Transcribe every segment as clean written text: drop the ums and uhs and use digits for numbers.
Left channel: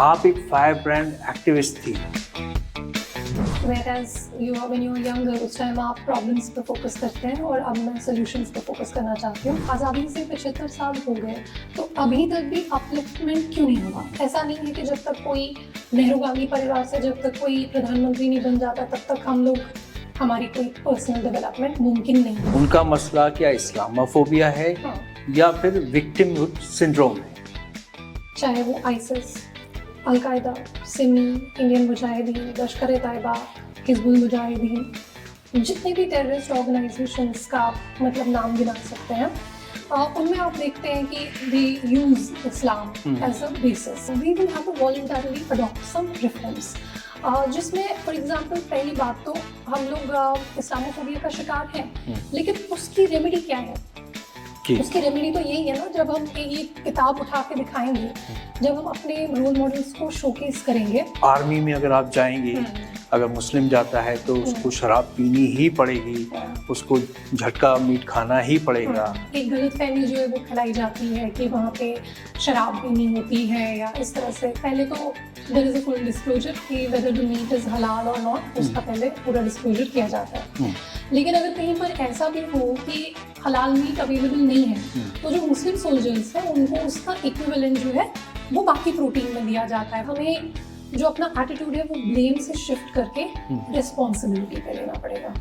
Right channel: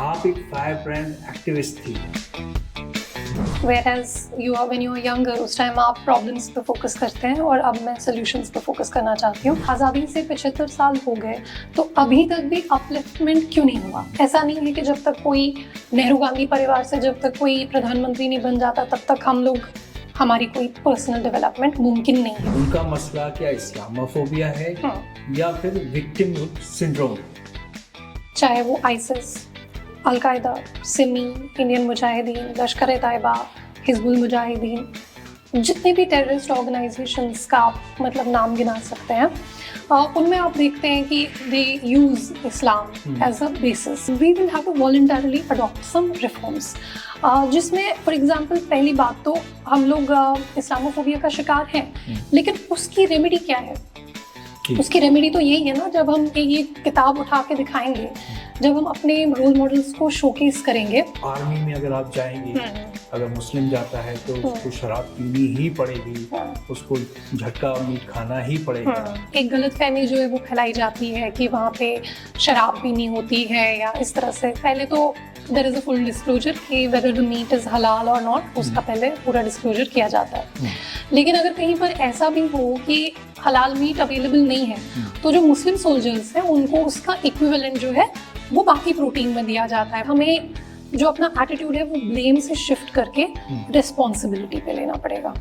आप एक fire brand activist थी। Whereas when you are younger, उस टाइम आप प्रॉब्लम्स पे फोकस करते हैं और अब मैं सॉल्यूशंस पे फोकस करना चाहती हूँ। आज़ादी से 75 साल हो गए तो अभी तक भी अपलिफ्टमेंट क्यों नहीं हुआ? ऐसा नहीं है कि जब तक कोई नेहरूगामी परिवार से जब तक कोई प्रधानमंत्री नहीं बन जाता तब तक हमारी कोई पर्सनल डेवलपमेंट मुमकिन नहीं है। उनका मसला क्या इस्लामोफोबिया है या फिर विक्टिमहुड सिंड्रोम है? चाहे वो ISIS, al Qaeda, Simi, Indian Mujahideen, लश्कर तैयबा, हिजबुल मुजाहिदीन, जितने भी टेररिस्ट ऑर्गेनाइजेशंस का आप मतलब नाम गिना सकते हैं, उनमें आप देखते हैं कि they use Islam as a basis. We will have to voluntarily adopt some reforms, जिसमें फॉर एग्जांपल पहली बात तो हम लोग इस्लामोफोबिया का शिकार हैं, लेकिन उसकी रेमेडी क्या है? उसकी रेमेडी तो यही है ना, जब हम ये किताब उठा के दिखाएंगे, जब हम अपने रोल मॉडल्स को शोकेस करेंगे। आर्मी में अगर आप जाएंगे, अगर मुस्लिम जाता है तो उसको शराब पीनी ही पड़ेगी, उसको झटका मीट खाना ही पड़ेगा। एक गलतफहमी जो है वो फैलाई जाती है कि वहाँ पे शराब पीनी होती है या इस तरह से। पहले तो there is a full disclosure कि वेदर द मीट इज हलाल और नॉट, उसका पहले पूरा डिस्क्लोजर किया जाता है। लेकिन अगर कहीं पर ऐसा भी हो कि हलाल मीट अवेलेबल नहीं है तो जो मुस्लिम सोल्जर्स हैं उनको उसका इक्विवेलेंट जो है वो बाकी प्रोटीन में दिया जाता है। हमें जो अपना एटीट्यूड है वो ब्लेम से शिफ्ट करके रिस्पॉन्सिबिलिटी पे लेना पड़ेगा।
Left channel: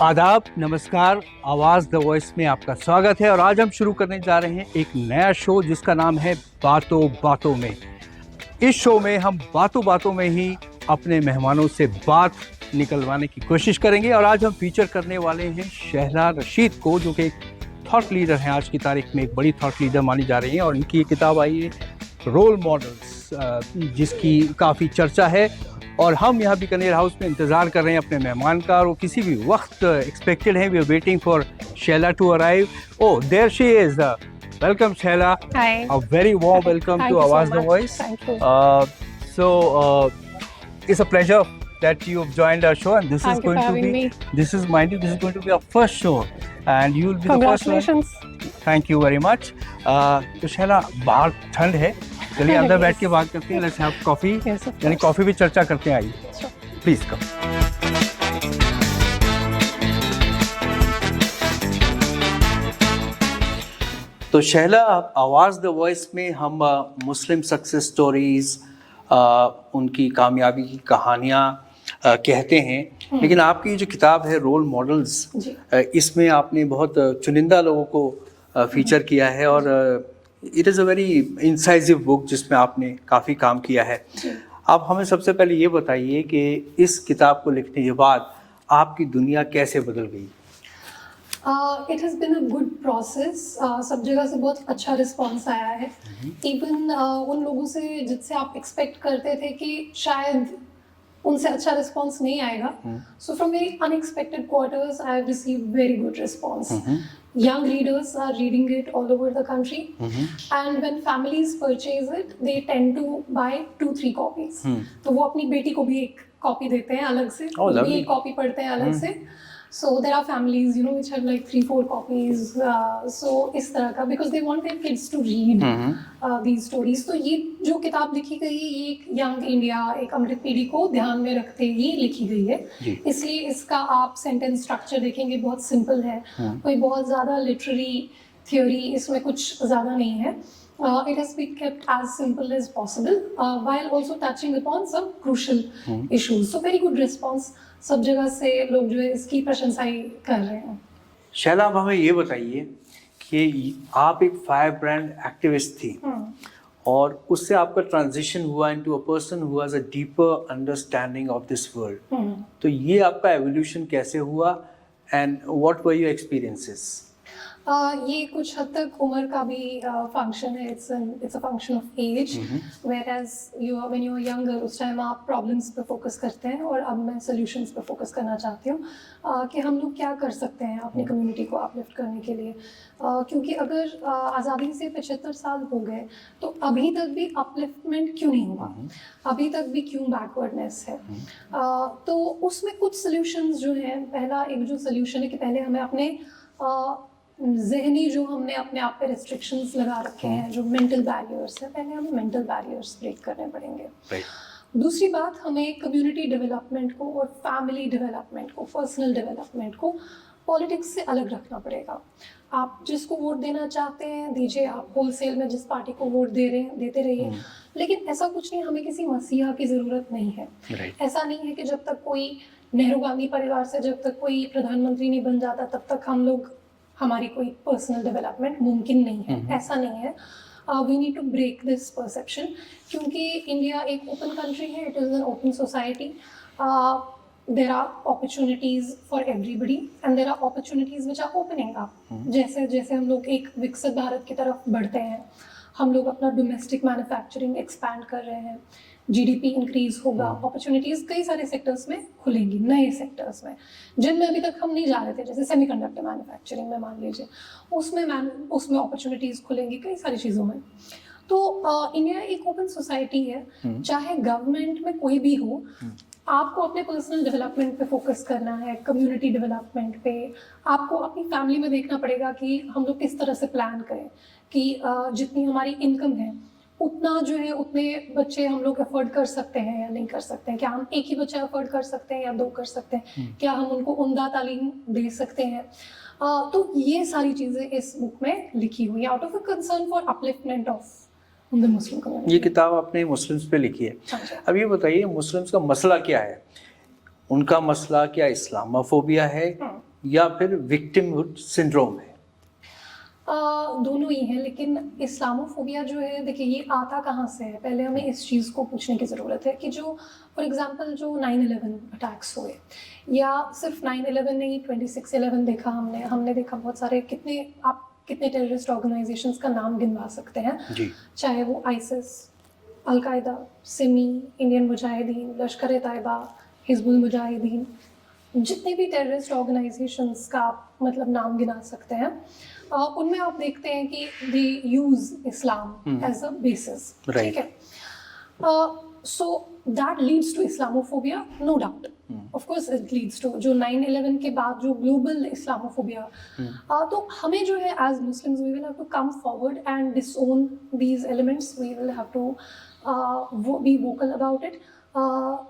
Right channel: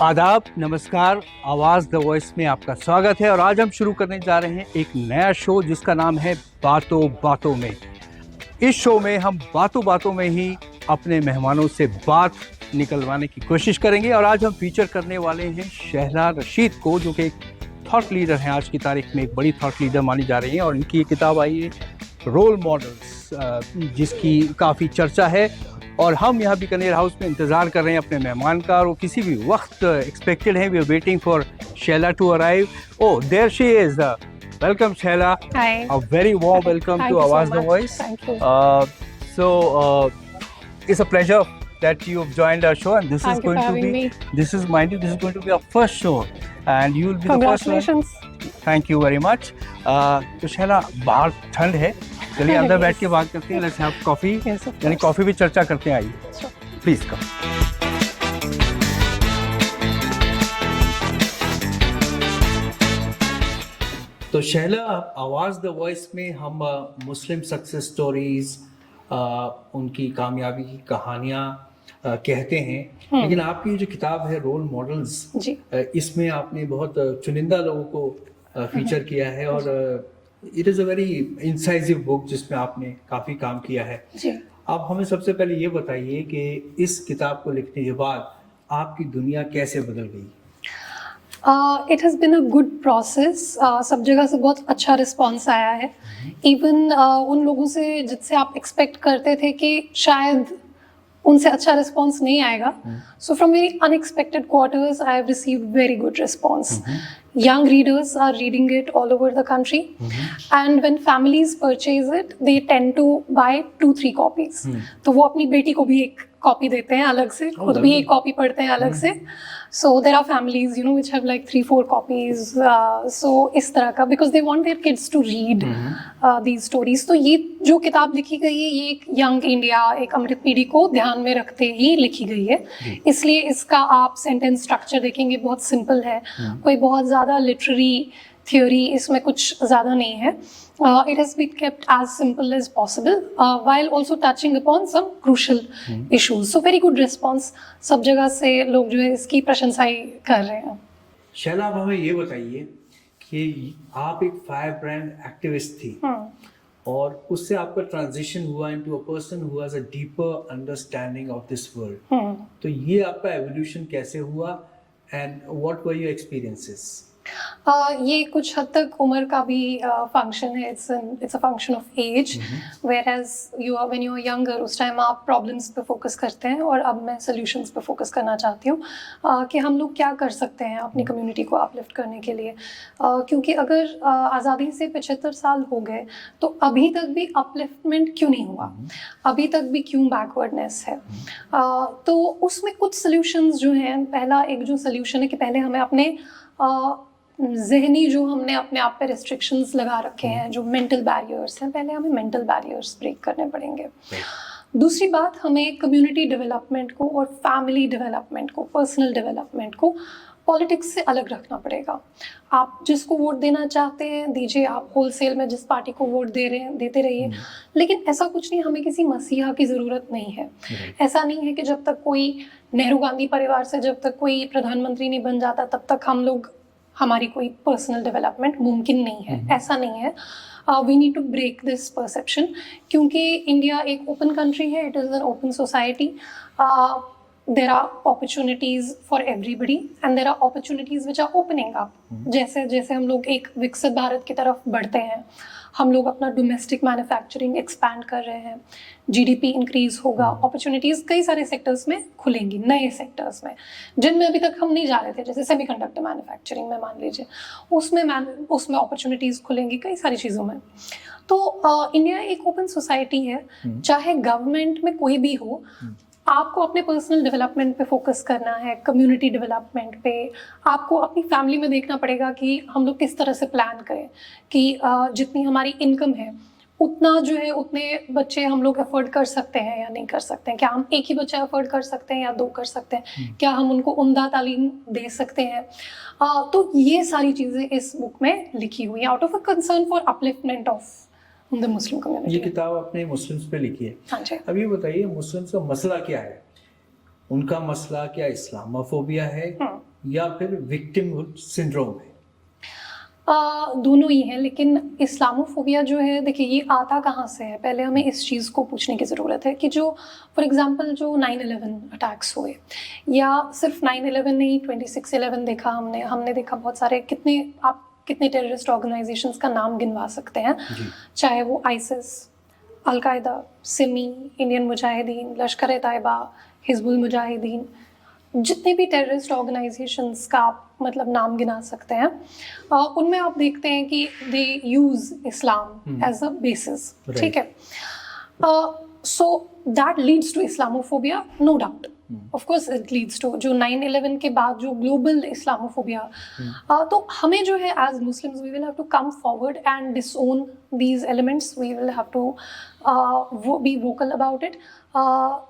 आदाब, नमस्कार, आवाज़ द वॉइस में आपका स्वागत है। और आज हम शुरू करने जा रहे हैं एक नया शो जिसका नाम है बातों बातों में। इस शो में हम बातों बातों में ही अपने मेहमानों से बात निकलवाने की कोशिश करेंगे। और आज हम फीचर करने वाले हैं शहला रशीद को, जो कि एक थॉट लीडर हैं, आज की तारीख में एक बड़ी थॉट लीडर मानी जा रही हैं। और इनकी ये किताब आई है रोल मॉडल्स, जिसकी काफ़ी चर्चा है। और हम यहाँ बीकानेर हाउस में इंतज़ार कर रहे हैं अपने मेहमान का, और वो किसी भी वक्त एक्सपेक्टेड हैं। We are waiting for Shaila to arrive. Oh, there she is. Welcome Shaila. Hi. A very warm welcome Thank to you so Awaz the much. Voice. Thank you. It's a pleasure that you've joined our show, and Thank you for having me. this is going to be our first show, and you will be the first one. Congratulations. Thank you very much. तो शैला, बाहर ठंड है, चलिए अंदर बैठ के बात करते हैं। Let's have coffee, Yes, of यानी course. कॉफी भी चर्चा करते हैं। आइए, Sure. Please come. तो शैला, आवाज़ द वॉइस में हम मुस्लिम सक्सेस स्टोरीज, उनकी कामयाबी की कहानियाँ कहते हैं, लेकिन आपकी जो किताब है रोल मॉडल्स, इसमें आपने बहुत चुनिंदा लोगों को फीचर किया है। और it is a very incisive book जिसमें आपने काफ़ी काम किया है। आप हमें सबसे पहले ये बताइए कि इस किताब को लिखने के बाद आपकी दुनिया कैसे बदल गई? It has been a good process. सब जगह से बहुत अच्छा रिस्पॉन्स आया है। इवन उन लोगों से जिससे आप एक्सपेक्ट करते थे कि शायद उनसे अच्छा रिस्पॉन्स नहीं आएगा, so from very unexpected quarters I have received very good response. Young readers are reading it all over the country, and when families purchase it, they tend to buy 2-3 copies. तो वो अपनी बेटी को भी एक copy देते हैं अलग से, खुद भी एक कॉपी पढ़ते हैं अलग से। So there are families, which have like 3-4 copies. So इस तरह का, because they want their kids to read these stories. तो ये जो किताब लिखी गई है, ये एक यंग इंडिया, एक अमृत पीढ़ी को ध्यान में रखते ही लिखी गई है। इसलिए इसका आप सेंटेंस स्ट्रक्चर देखेंगे, बहुत सिंपल है, कोई बहुत ज़्यादा लिटरेरी थ्योरी इसमें कुछ ज़्यादा नहीं है। It has been kept as simple as possible, while also touching upon some crucial issues. So very good response. सब जगह से लोग जो है इसकी प्रशंसा ही कर रहे हैं। शैला, आप हमें ये बताइए कि आप एक फायर ब्रांड एक्टिविस्ट थी, और उससे आपका ट्रांजिशन हुआ into a person who has a deeper understanding of this world. तो ये आपका एवोल्यूशन कैसे हुआ, and what were your experiences? ये कुछ हद तक उम्र का भी फंक्शन है. It's a function of age. Whereas when you are younger, उस टाइम आप प्रॉब्लम्स पे फोकस करते हैं, और अब मैं सॉल्यूशंस पे फोकस करना चाहती हूँ कि हम लोग क्या कर सकते हैं अपनी कम्युनिटी को अपलिफ्ट करने के लिए. क्योंकि अगर आज़ादी से 75 साल हो गए तो अभी तक भी अपलिफ्टमेंट क्यों नहीं हुआ, अभी तक भी क्यों बैकवर्डनेस है. तो उसमें कुछ सॉल्यूशंस जो हैं, पहला एक जो सॉल्यूशन है कि पहले हमें अपने जहनी जो हमने अपने आप पे रिस्ट्रिक्शंस लगा रखे हैं, जो मेंटल बैरियर्स हैं, पहले हमें मेंटल बैरियर्स ब्रेक करने पड़ेंगे. दूसरी बात, हमें कम्युनिटी डेवलपमेंट को और फैमिली डेवलपमेंट को, पर्सनल डेवलपमेंट को पॉलिटिक्स से अलग रखना पड़ेगा. आप जिसको वोट देना चाहते हैं दीजिए, आप होलसेल में जिस पार्टी को वोट दे रहे हैं देते रहिए, लेकिन ऐसा कुछ नहीं, हमें किसी मसीहा की ज़रूरत नहीं है. ऐसा नहीं है कि जब तक कोई नेहरू गांधी परिवार से जब तक कोई प्रधानमंत्री नहीं बन जाता तब तक हम लोग, हमारी कोई पर्सनल डेवलपमेंट मुमकिन नहीं है. ऐसा नहीं है. We need to break this perception, क्योंकि इंडिया एक ओपन कंट्री है. It is an open society. There are opportunities for everybody and there are opportunities which are opening up. जैसे जैसे हम लोग एक विकसित भारत की तरफ बढ़ते हैं, हम लोग अपना डोमेस्टिक मैन्युफैक्चरिंग एक्सपैंड कर रहे हैं, जीडीपी इंक्रीज होगा, अपॉर्चुनिटीज़ कई सारे सेक्टर्स में खुलेंगी, नए सेक्टर्स में जिनमें अभी तक हम नहीं जा रहे थे. जैसे सेमीकंडक्टर मैन्युफैक्चरिंग में मान लीजिए, उसमें अपॉर्चुनिटीज़ खुलेंगी कई सारी चीज़ों में. तो इंडिया एक ओपन सोसाइटी है. चाहे गवर्नमेंट में कोई भी हो, आपको अपने पर्सनल डेवलपमेंट पे फोकस करना है, कम्युनिटी डेवलपमेंट पे. आपको अपनी फैमिली में देखना पड़ेगा कि हम लोग किस तरह से प्लान करें कि जितनी हमारी इनकम है उतना जो है, उतने बच्चे हम लोग अफोर्ड कर सकते हैं या नहीं कर सकते हैं. क्या हम एक ही बच्चा अफोर्ड कर सकते हैं या 2 कर सकते हैं? क्या हम उनको उम्दा तालीम दे सकते हैं? तो ये सारी चीज़ें इस बुक में लिखी हुई है, out of a concern for upliftment of the Muslim community. ये किताब आपने मुस्लिम्स पे लिखी है. हाँ जी. अब ये बताइए, मुस्लिम्स का मसला क्या है? उनका मसला क्या इस्लामोफोबिया है या फिर विक्टिमहुड सिंड्रोम है? दोनों ही हैं, लेकिन इस्लामोफोबिया जो है, देखिए ये आता कहाँ से है, पहले हमें इस चीज़ को पूछने की ज़रूरत है कि जो फॉर एग्जांपल जो 9/11 अटैक्स हुए, या सिर्फ 9/11 नहीं, 26/11 देखा हमने देखा बहुत सारे, कितने टेररिस्ट ऑर्गेनाइजेशंस का नाम गिनवा सकते हैं जी. चाहे वो ISIS, al Qaeda, Simi, Indian Mujahideen, लश्कर ए तैयबा, हिजबुल मुजाहिदीन, जितने भी टेररिस्ट ऑर्गेनाइजेशंस का आप मतलब नाम गिना सकते हैं, उनमें आप देखते हैं कि they use Islam as a basis. ठीक है. So that leads to Islamophobia, no doubt. Of course it leads to जो 9/11 के बाद जो ग्लोबल इस्लामोफोबिया. तो हमें जो है as Muslims we will have to come forward and disown these elements. We will have to be vocal about it.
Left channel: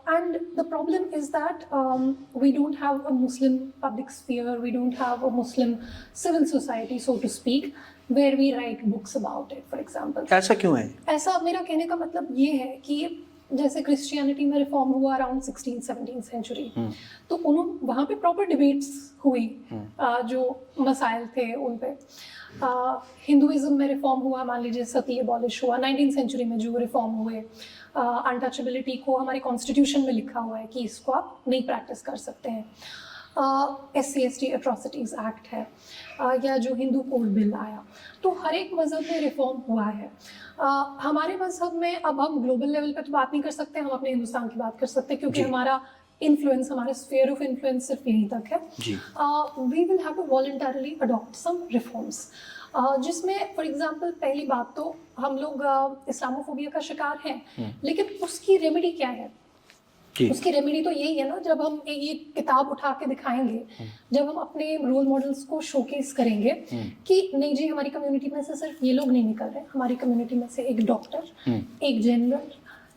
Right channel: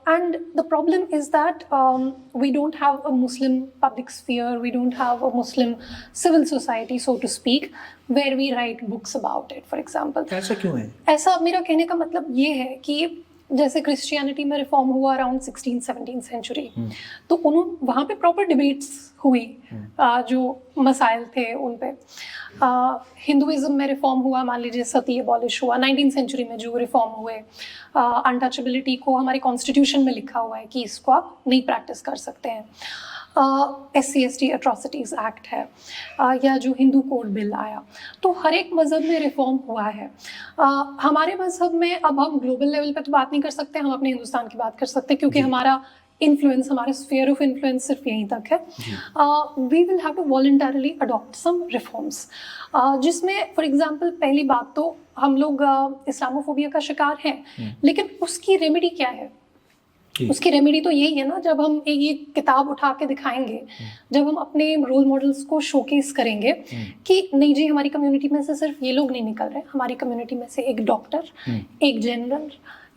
And the problem is that we don't have a Muslim public sphere, we don't have a Muslim civil society, so to speak, where we write books about it, for example. ऐसा क्यों है? ऐसा मेरा कहने का मतलब ये है कि जैसे क्रिश्चियनिटी में रिफॉर्म हुआ अराउंड 16-17 सेंचुरी, तो वहाँ पे प्रॉपर डिबेट्स हुई जो मसाइल थे उन पे. हिंदुइज्म में रिफॉर्म हुआ, मान लीजिए सती एबॉलिश हुआ 19th सेंचुरी में, जो रिफॉर्म हुए. अनटचेबिलिटी को हमारे कॉन्स्टिट्यूशन में लिखा हुआ है कि इसको आप नहीं प्रैक्टिस कर सकते हैं. SC/ST एट्रॉसिटीज़ एक्ट है, या जो हिंदू कोड बिल आया, तो हर एक मज़हब में रिफॉर्म हुआ है. हमारे मज़हब में, अब हम ग्लोबल लेवल पे तो बात नहीं कर सकते, हम अपने हिंदुस्तान की बात कर सकते हैं क्योंकि हमारा इन्फ्लुएंस, हमारे स्फीयर ऑफ इन्फ्लुएंस सिर्फ यहीं तक है. We will have to voluntarily adopt some reforms, जिसमें फॉर एग्जांपल पहली बात तो हम लोग इस्लामोफोबिया का शिकार हैं, लेकिन उसकी रेमेडी क्या है? उसकी रेमेडी तो यही है ना, जब हम ये किताब उठा के दिखाएंगे, जब हम अपने रोल मॉडल्स को शोकेस करेंगे कि नहीं जी, हमारी कम्युनिटी में से सिर्फ ये लोग नहीं निकल रहे, हमारी कम्युनिटी में से एक डॉक्टर, एक जनरल,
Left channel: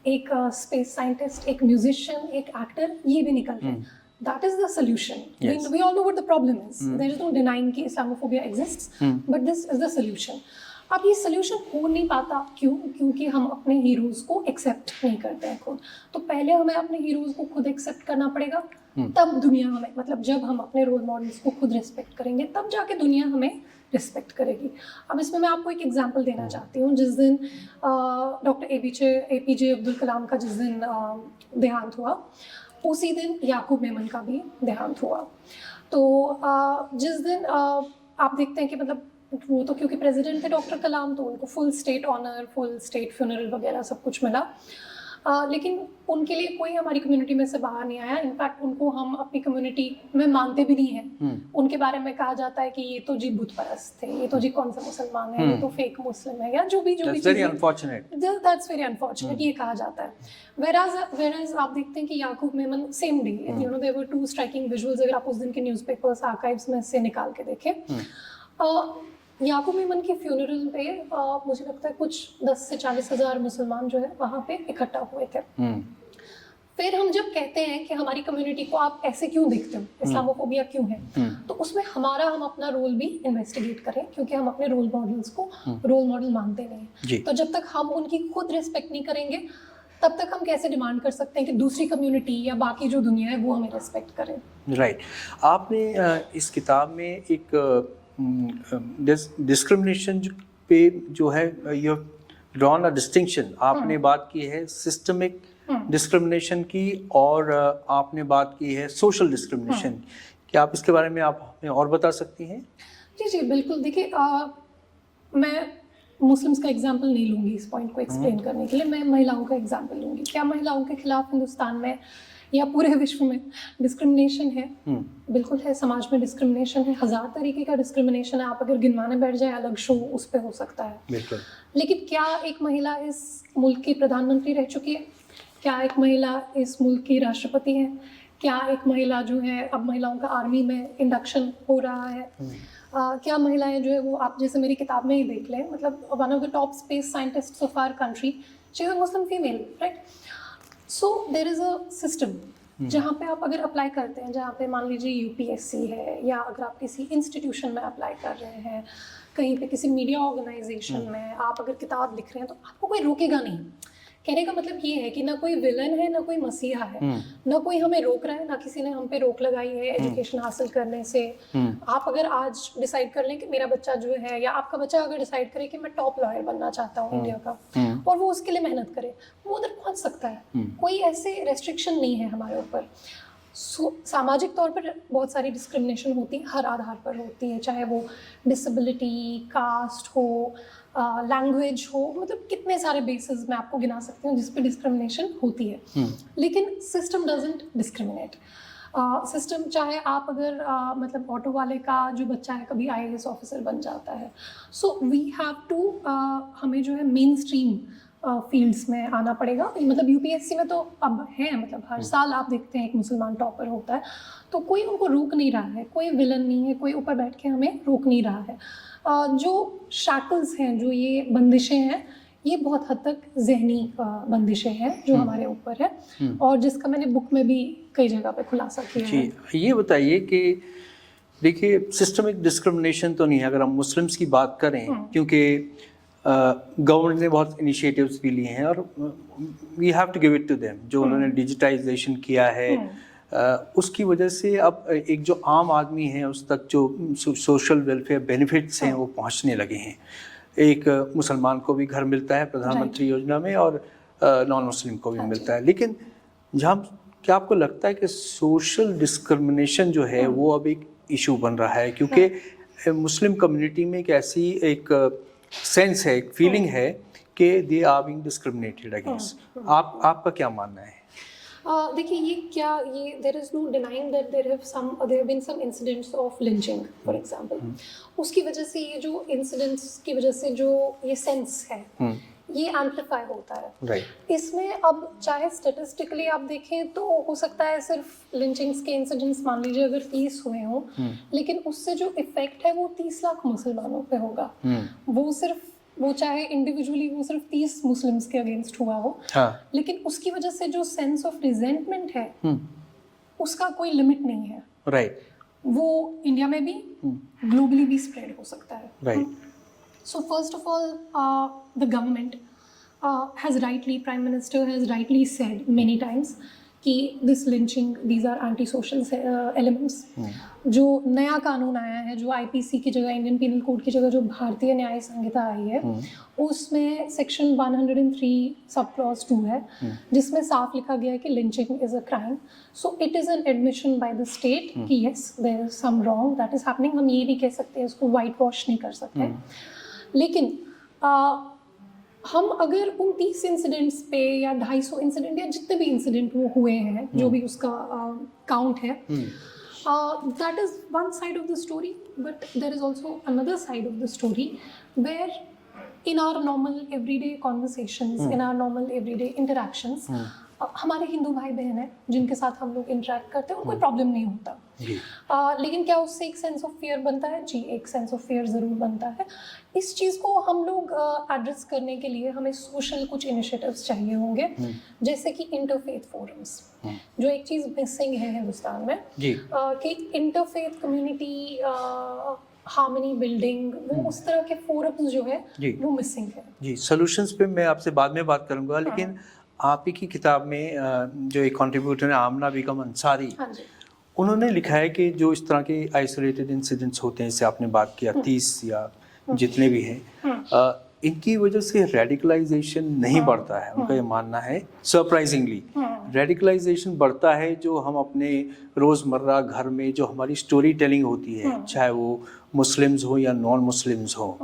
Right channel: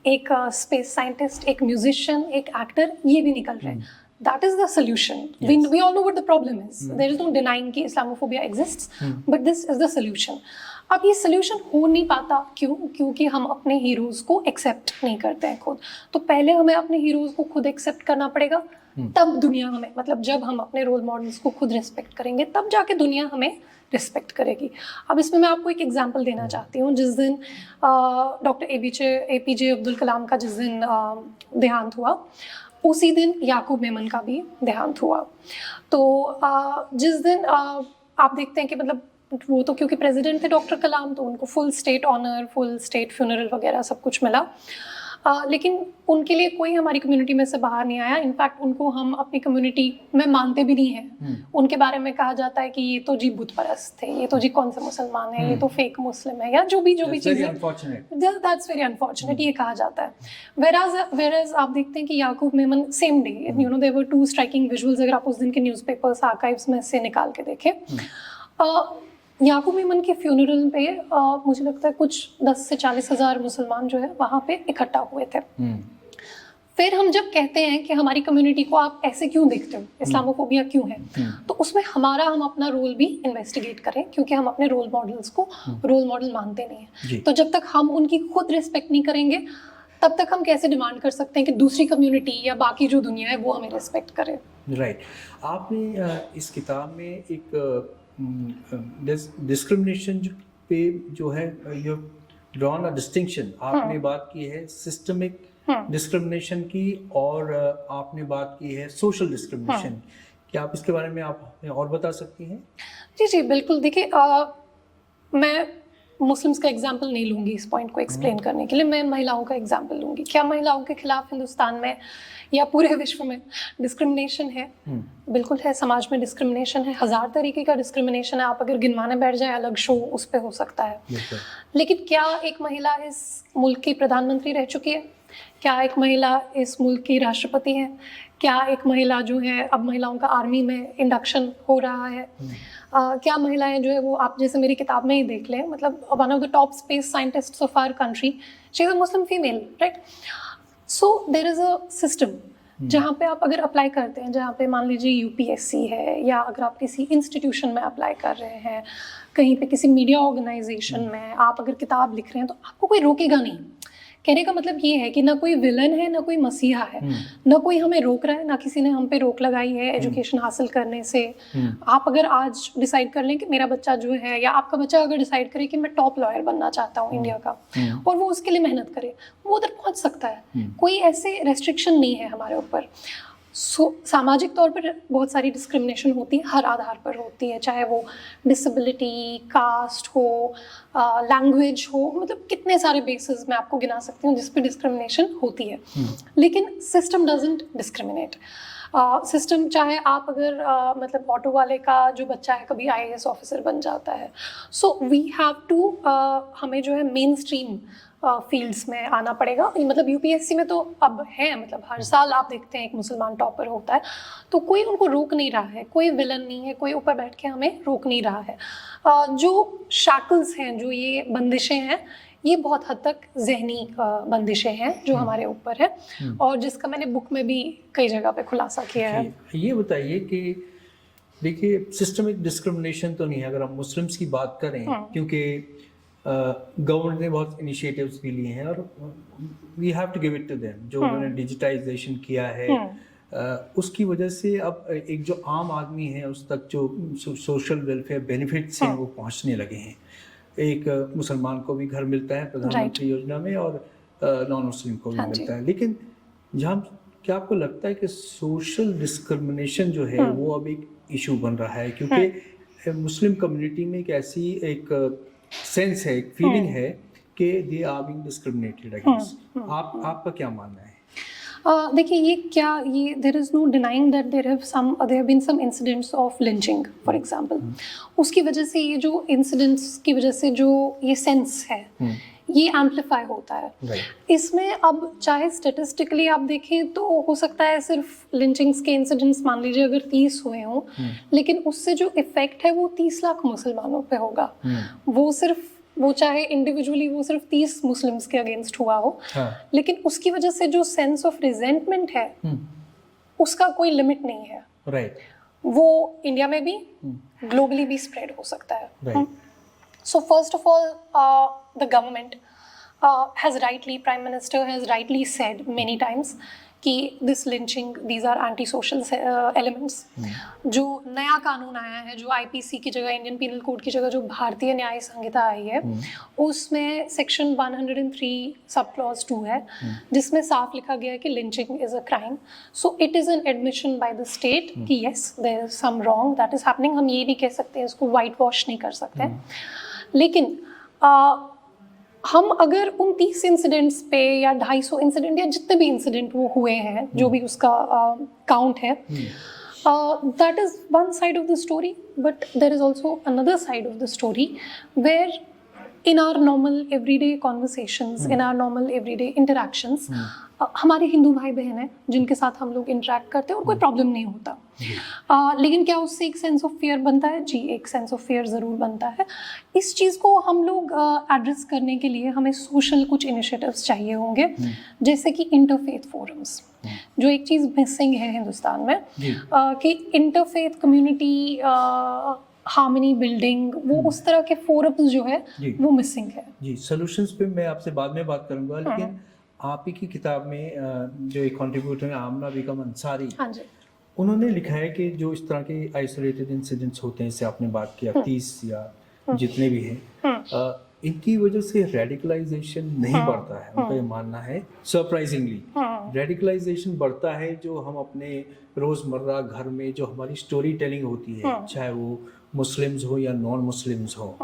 एक स्पेस साइंटिस्ट, एक म्यूजिशियन, एक एक्टर, ये भी निकल रहे हैं. That is the solution. Yes. We all know what the problem is. There is no denying कि Islamophobia exists, but this is the solution. अब ये सोल्यूशन हो नहीं पाता, क्योंकि हम अपने हीरोज़ को एक्सेप्ट नहीं करते हैं खुद. तो पहले हमें अपने हीरोज़ को खुद एक्सेप्ट करना पड़ेगा, तब दुनिया हमें, मतलब जब हम अपने रोल मॉडल्स को खुद रिस्पेक्ट करेंगे, तब जाके दुनिया हमें रिस्पेक्ट करेगी. अब इसमें मैं आपको एक एग्जांपल देना चाहती हूँ. जिस दिन डॉक्टर APJ अब्दुल कलाम का जिस दिन देहांत हुआ, उसी दिन याकूब मेमन का भी देहांत हुआ. तो जिस दिन आप देखते हैं कि मतलब वो तो क्योंकि प्रेसिडेंट थे डॉक्टर कलाम, तो उनको full state honour, full state funeral वगैरह सब कुछ मिला। लेकिन उनके लिए कोई हमारी कम्युनिटी में से बाहर नहीं आया। इनफैक्ट उनको हम अपनी कम्युनिटी में मानते भी नहीं हैं। उनके बारे में कहा जाता है कि ये तो जी बुत परस्त थे, ये तो जी कौन से मुसलमान है, ये तो फेक मुस्लिम है, या जो भी That's very unfortunate. That's very unfortunate, ये कहा जाता है। वेराज आप देखते हैं कि Yakub Memon same day, you know, there were two striking visuals, अगर आप उस दिन के न्यूज़पेपर्स आर्काइव्स में से निकाल के देखें। याकूब मेमन के फ्यूनरल पे मुझे लगता है कुछ 10 से 40 हज़ार मुसलमान जो है वहाँ पे इकट्ठा हुए थे। फिर हम जब कहते हैं कि हमारी कम्युनिटी को आप ऐसे क्यों देखते हो, इस्लामोफोबिया क्यों है, तो उसमें हम अपना रोल भी इन्वेस्टिगेट करें, क्योंकि हम अपने रोल मॉडल्स को रोल मॉडल मानते नहीं हैं। तो जब तक हम उनकी खुद रिस्पेक्ट नहीं करेंगे, तब तक हम कैसे डिमांड कर सकते हैं कि दूसरी कम्युनिटी या बाकी जो दुनिया है वो हमें रिस्पेक्ट करे। राइट। आपने इस किताब में एक डिस्क्रिमिनेशन पे जो है, you have drawn a distinction. आपने बात की है सिस्टमिक डिस्क्रिमिनेशन की, और आपने बात की है सोशल डिस्क्रिमिनेशन। क्या आप इसके बारे में आप हमें और बता सकती हैं? जी जी बिल्कुल। देखिए, मैं मुस्लिम्स का एग्जाम्पल नहीं लूँगी इस पॉइंट को एक्सप्लेन करने के लिए, मैं महिलाओं का एग्जाम्पल लूँगी। क्या महिलाओं के खिलाफ हिंदुस्तान में या पूरे विश्व में डिस्क्रिमिनेशन है? बिल्कुल है। समाज में डिस्क्रिमिनेशन है, 1000 तरीके का डिस्क्रिमिनेशन है। आप अगर गिनवाने बैठ जाए, अलग शो उस पर हो सकता है। लेकिन क्या एक महिला इस मुल्क की प्रधानमंत्री रह चुकी है? क्या एक महिला इस मुल्क की राष्ट्रपति है? क्या एक महिला जो है, अब महिलाओं का आर्मी में इंडक्शन हो रहा है? क्या महिलाएं जो है वो, आप जैसे मेरी किताब में ही देख लें, मतलब one of the top space scientists of our country, she is a Muslim female, right? So there is a system जहाँ पे आप अगर अप्लाई करते हैं, जहाँ पे मान लीजिए यूपीएससी है, या अगर आप किसी इंस्टीट्यूशन में अप्लाई कर रहे हैं, कहीं पे किसी मीडिया ऑर्गेनाइजेशन में आप अगर किताब लिख रहे हैं, तो आपको कोई रोकेगा नहीं। कहने का मतलब ये है कि ना कोई विलन है, ना कोई मसीहा है, ना कोई हमें रोक रहा है, ना किसी ने हम पे रोक लगाई है एजुकेशन हासिल करने से। आप अगर आज डिसाइड कर लें कि मेरा बच्चा जो है, या आपका बच्चा अगर डिसाइड करे कि मैं टॉप लॉयर बनना चाहता हूँ इंडिया का, और वो उसके लिए मेहनत करे, वो उधर पहुँच सकता है। कोई ऐसे रेस्ट्रिक्शन नहीं है हमारे ऊपर। सामाजिक तौर पर बहुत सारी डिस्क्रिमिनेशन होती है, हर आधार पर होती है, चाहे वो डिसेबिलिटी, कास्ट हो, लैंग्वेज हो, मतलब कितने सारे बेसिस मैं आपको गिना सकती हूँ जिस पे डिस्क्रिमिनेशन होती है। लेकिन सिस्टम डजंट डिस्क्रिमिनेट। सिस्टम चाहे आप अगर मतलब ऑटो वाले का जो बच्चा है कभी आईएएस ऑफिसर बन जाता है, सो वी हैव टू, हमें जो है मेन स्ट्रीम फील्ड्स में आना पड़ेगा। मतलब यूपीएससी में तो अब है, मतलब हर साल आप देखते हैं एक मुसलमान टॉपर होता है, तो कोई उनको रोक नहीं रहा है, कोई विलन नहीं है, कोई ऊपर बैठ के हमें रोक नहीं रहा है। जो शैकल्स हैं, जो ये बंदिशें हैं, ये बहुत हद तक जहनी बंदिशें हैं जो हमारे ऊपर है, और जिसका मैंने बुक में भी कई जगह पे खुलासा किया है। ये बताइए कि देखिए, सिस्टमिक डिस्क्रिमिनेशन तो नहीं है अगर हम मुस्लिम्स की बात करें, क्योंकि गवर्नमेंट ने बहुत इनिशिएटिव्स भी लिए हैं, और we have to give it to them. जो उन्होंने डिजिटाइजेशन किया है, उसकी वजह से अब एक जो आम आदमी है उस तक जो सोशल वेलफेयर बेनिफिट्स हैं वो पहुंचने लगे हैं। एक मुसलमान को भी घर मिलता है प्रधानमंत्री योजना में, और नॉन मुस्लिम को भी मिलता है। लेकिन जहाँ, क्या आपको लगता है कि सोशल डिस्क्रिमिनेशन जो है वो अब एक इशू बन रहा है? क्योंकि मुस्लिम कम्युनिटी में एक ऐसी एक सेंस है, एक फीलिंग है कि they are being discriminated against. आपका क्या मानना है? देखिए, ये there is no denying that there have been some incidents of lynching for example. उसकी वजह से, ये जो इंसिडेंट्स की वजह से जो ये सेंस है, ये एम्पलीफाई होता है। इसमें अब चाहे स्टेटिस्टिकली आप देखें तो हो सकता है सिर्फ लिंचिंग्स के इंसिडेंट्स मान लीजिए अगर 30 हुए हों, लेकिन उससे जो इफेक्ट है वो 30 लाख मुसलमानों पे होगा। वो चाहे इंडिविजुअली वो सिर्फ 30 मुस्लिम्स के अगेंस्ट हुआ हो, लेकिन उसकी वजह से जो सेंस ऑफ रिजेंटमेंट है उसका कोई लिमिट नहीं है। वो इंडिया में भी ग्लोबली भी स्प्रेड हो सकता है। So first of all, the government has rightly, Prime Minister has rightly said many times कि this lynching these are anti social elements. जो नया कानून आया है, जो आईपीसी की जगह, इंडियन पीनल कोड की जगह जो भारतीय न्याय संहिता आई है, उसमें सेक्शन 103 सब क्लॉज 2 है, जिसमें साफ लिखा गया है कि lynching is a crime. So it is an admission by the state कि yes there is some wrong that is happening. हम ये नहीं कह सकते, इसको वाइट वॉश नहीं कर सकते। लेकिन हम अगर उन 30 इंसिडेंट्स पे या 250 इंसिडेंट या जितने भी इंसिडेंट वो हुए हैं, जो भी उसका काउंट है, that is one side of the story, but there is also another side of the story where in our normal everyday conversations, in our normal everyday interactions, हमारे हिंदू भाई बहन हैं जिनके साथ हम लोग इंटरेक्ट करते हैं और कोई प्रॉब्लम नहीं होता। लेकिन क्या उससे एक सेंस ऑफ फियर बनता है? जी, एक सेंस ऑफ फियर ज़रूर बनता है। इस चीज़ को हम लोग एड्रेस करने के लिए हमें सोशल कुछ इनिशिएटिव्स चाहिए होंगे, जैसे कि इंटरफेथ फोरम्स, जो एक चीज़ मिसिंग है हिंदुस्तान में, कि इंटरफेथ कम्युनिटी हार्मनी बिल्डिंग, वो उस तरह के फोरम्स जो है वो मिसिंग है। जी, सॉल्यूशंस पे मैं आपसे बाद में बात करूंगा, लेकिन आप ही की किताब में जो एक कंट्रीब्यूटर है आमना बेगम अंसारी, हाँ जी, उन्होंने लिखा है कि जो इस तरह के आइसोलेटेड इंसिडेंट्स होते हैं, जैसे आपने बात किया 30 या जितने भी हैं, इनकी वजह से रेडिकलाइजेशन नहीं बढ़ता है। उनका ये मानना है, सरप्राइजिंगली रेडिकलाइजेशन बढ़ता है जो हम अपने रोज़मर्रा घर में जो हमारी स्टोरी टेलिंग होती है, चाहे वो मुस्लिम्स हो या नॉन मुस्लिम्स हो,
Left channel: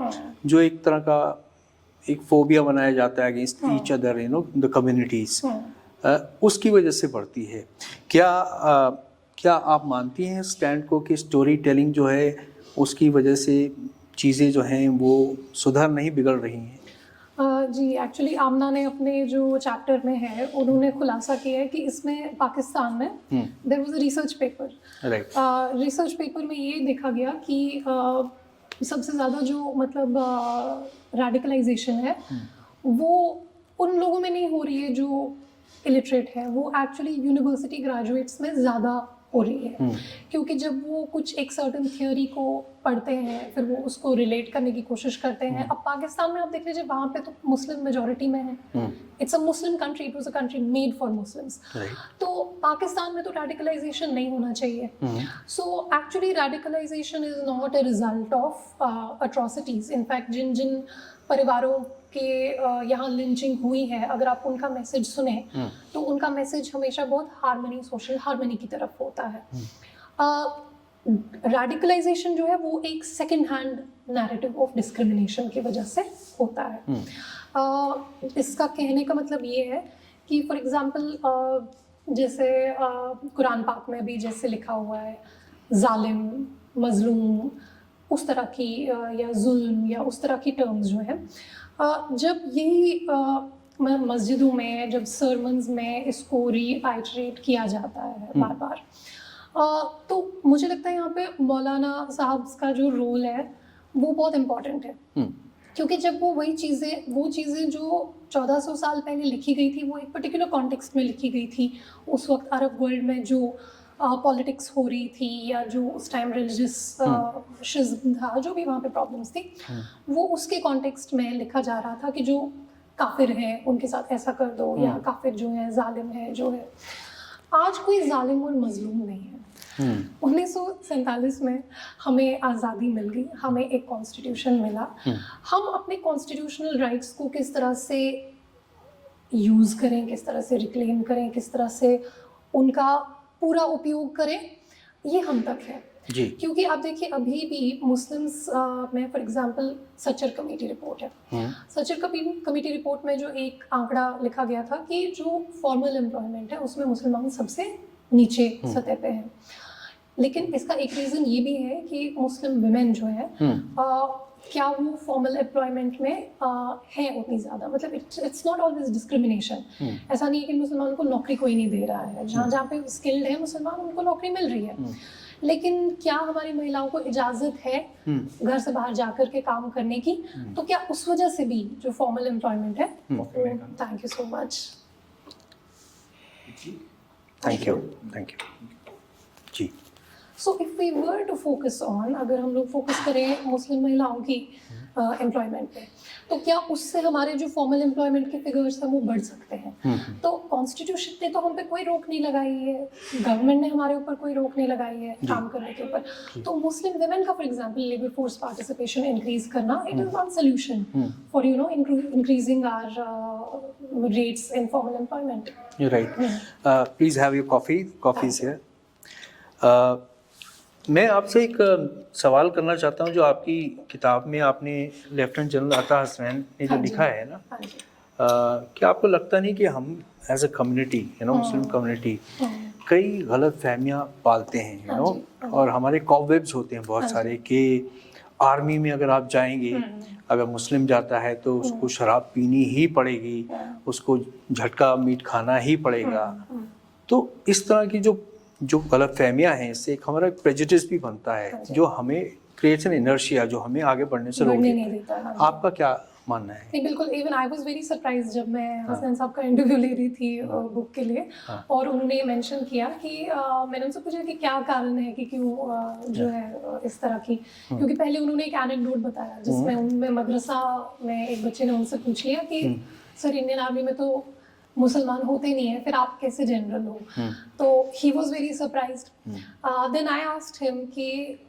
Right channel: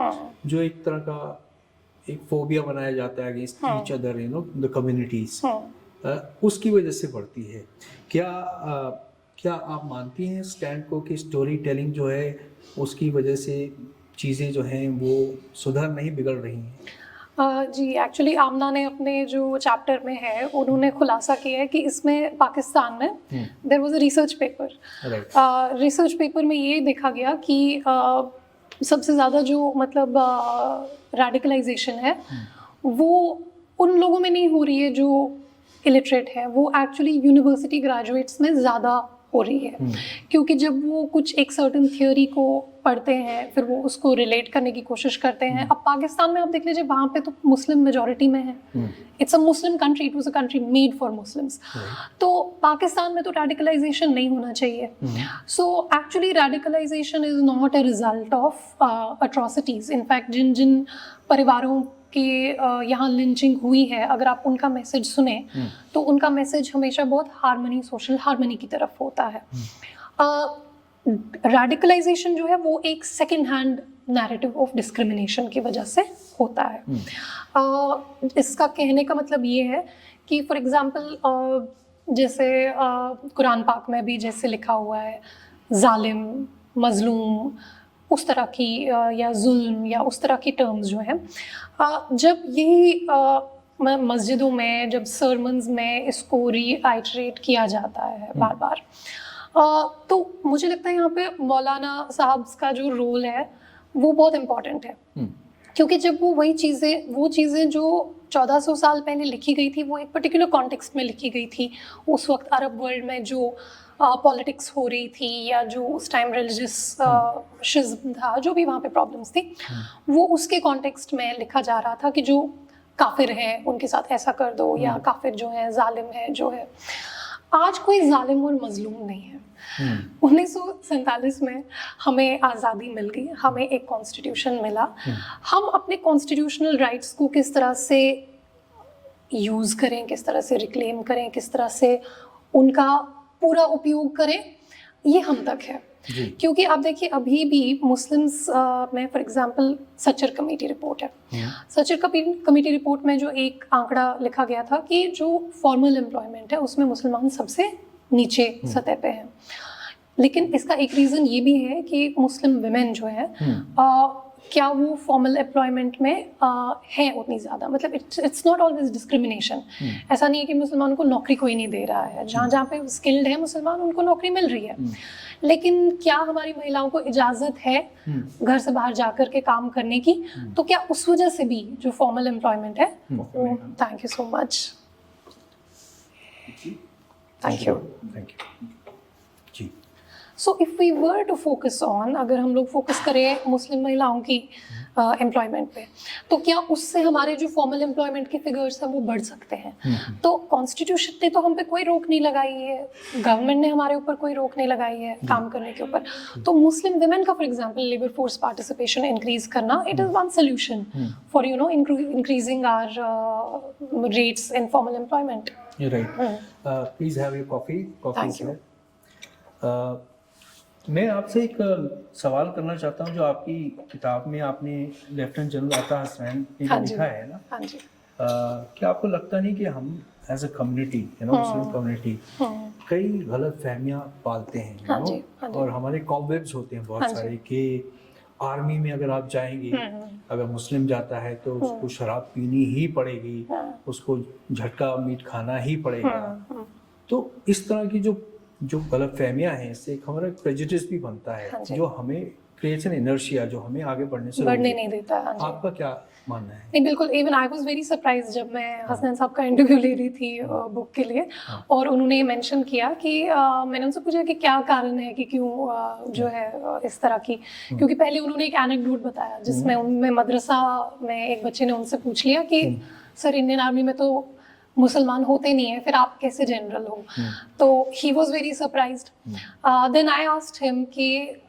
जो एक तरह का एक फोबिया बनाया जाता है against each other, you know, the communities, उसकी वजह से बढ़ती है। क्या आप मानती हैं स्टैंड को कि स्टोरी टेलिंग जो है उसकी वजह से चीज़ें जो हैं वो सुधर नहीं, बिगड़ रही हैं? जी, एक्चुअली आमना ने अपने जो चैप्टर में है उन्होंने खुलासा किया है कि इसमें पाकिस्तान में there was a research paper, research paper में ये देखा गया कि सबसे ज़्यादा जो मतलब रेडिकलाइजेशन है वो उन लोगों में नहीं हो रही है जो इलिटरेट है, वो एक्चुअली यूनिवर्सिटी ग्रेजुएट्स में ज़्यादा हो रही है। क्योंकि जब वो कुछ एक सर्टन थियोरी को पढ़ते हैं, फिर वो उसको रिलेट करने की कोशिश करते हैं। अब पाकिस्तान में आप देख लीजिए, वहाँ पे तो मुस्लिम मेजॉरिटी में है, it's a Muslim country, it was a country made for Muslims. तो पाकिस्तान में तो रेडिकलाइजेशन नहीं होना चाहिए। So actually radicalisation is not a result of atrocities. In fact जिन जिन परिवारों के यहाँ लिंचिंग हुई है, अगर आप उनका मैसेज सुने तो उनका मैसेज हमेशा बहुत हार्मनी, सोशल हार्मनी की तरफ होता है। रेडिकलाइजेशन जो है वो एक second hand narrative of discrimination की वजह से होता है। इसका कहने का मतलब ये है कि फॉर एग्जांपल जैसे कुरान पाक में भी जैसे लिखा हुआ है जालिम, मजलूम, उस तरह की या जुल्म या उस तरह की टर्म्स जो हैं, जब यही मस्जिदों में, जब सर्मन्स में इसको रीआइटरेट किया जाता है बार बार, तो मुझे लगता है यहाँ पे मौलाना साहब का जो रोल है वो बहुत इम्पॉर्टेंट है। क्योंकि जब वो चीज़ें जो 1400 साल पहले लिखी गई थी, वो एक पर्टिकुलर कॉन्टेक्स्ट में लिखी गई थी। उस वक्त अरब वर्ल्ड में जो पॉलिटिक्स हो रही थी या जो उस टाइम रिलीजियस शिज़्म था, जो भी वहाँ पे प्रॉब्लम्स थी, वो उसके कॉन्टेक्स्ट में लिखा जा रहा था कि जो काफिर हैं उनके साथ ऐसा कर दो, या काफिर जो है जालिम है जो है। आज कोई जालिम और मजलूम नहीं है। 1947 में हमें आज़ादी मिल गई, हमें एक कॉन्स्टिट्यूशन मिला। हम अपने कॉन्स्टिट्यूशनल राइट्स को किस तरह से यूज़ करें, किस तरह से रिक्लेम करें, किस तरह से उनका पूरा उपयोग करें, ये हम तक है। क्योंकि आप देखिए अभी भी मुस्लिम्स में for example Sachar committee report है। सचर कमेटी रिपोर्ट में जो एक आंकड़ा लिखा गया था कि जो फॉर्मल एम्प्लॉयमेंट है उसमें मुसलमान सबसे नीचे सतह पे हैं। लेकिन इसका एक रीज़न ये भी है कि मुस्लिम विमेन जो है क्या वो फॉर्मल एम्प्लॉयमेंट में है उतनी ज़्यादा, मतलब इट्स नॉट ऑलवेज डिस्क्रिमिनेशन। ऐसा नहीं है कि मुसलमान को नौकरी कोई नहीं दे रहा है, जहाँ जहाँ पे स्किल्ड है मुसलमान उनको नौकरी मिल रही है। लेकिन क्या हमारी महिलाओं को इजाज़त है घर से बाहर जाकर के काम करने की? तो क्या उस वजह से भी जो फॉर्मल एम्प्लॉयमेंट है, thank you so much, thank you जी। So if we were to focus on, अगर हम लोग फोकस करें मुस्लिम महिलाओं की एम्प्लॉयमेंट पे, तो क्या उससे हमारे जो फॉर्मल एम्प्लॉयमेंट के फिगर्स हैं वो बढ़ सकते हैं? तो कॉन्स्टिट्यूशन ने तो हम पे कोई रोक नहीं लगाई है, गवर्नमेंट ने हमारे ऊपर कोई रोक नहीं लगाई है काम करने के ऊपर। तो मुस्लिम वुमेन का for example labour force participation increase करना, it is one solution for increasing our rates in formal employment. You're right. Please have your coffee. Coffee is Thank here. मैं आपसे एक सवाल करना चाहता हूँ, जो आपकी किताब में आपने लेफ्टिनेंट जनरल अता हसनैन ने जो हाँ जी। लिखा है ना, हाँ जी। कि आपको लगता नहीं कि हम as a community, Muslim community कई गलत फहमियाँ पालते हैं, हाँ जी, हाँ जी। और हमारे कॉबवेब्स होते हैं बहुत हाँ जी। सारे, कि आर्मी में अगर आप जाएंगे, अगर मुस्लिम जाता है तो उसको शराब पीनी ही पड़ेगी, उसको झटका मीट खाना ही पड़ेगा। तो इस तरह की जो गलत फहमियाँ हैं, इससे एक हमारा प्रेजुडिस भी बनता है, हाँ जी। जो हमें क्रिएट्स एन इनर्शिया, जो हमें आगे बढ़ने से बढ़ने रोके। नहीं देता। हाँ जी। आपका क्या मानना है? नहीं, बिल्कुल। Even I was very surprise जब मैं हसनैन साहब का इंटरव्यू ले रही थी बुक के लिए, और उन्होंने मेंशन किया कि मैंने उनसे पूछा कि क्या कारण है कि क्यों जो है इस तरह की, क्योंकि पहले उन्होंने एक एनेक्डोट बताया जिसमें उनमें मदरसा में एक बच्चे ने उनसे पूछ लिया कि सर इंडियन आर्मी में तो मुसलमान होते नहीं है, फिर आप कैसे जनरल हो? तो he was very surprised. Then I asked him कि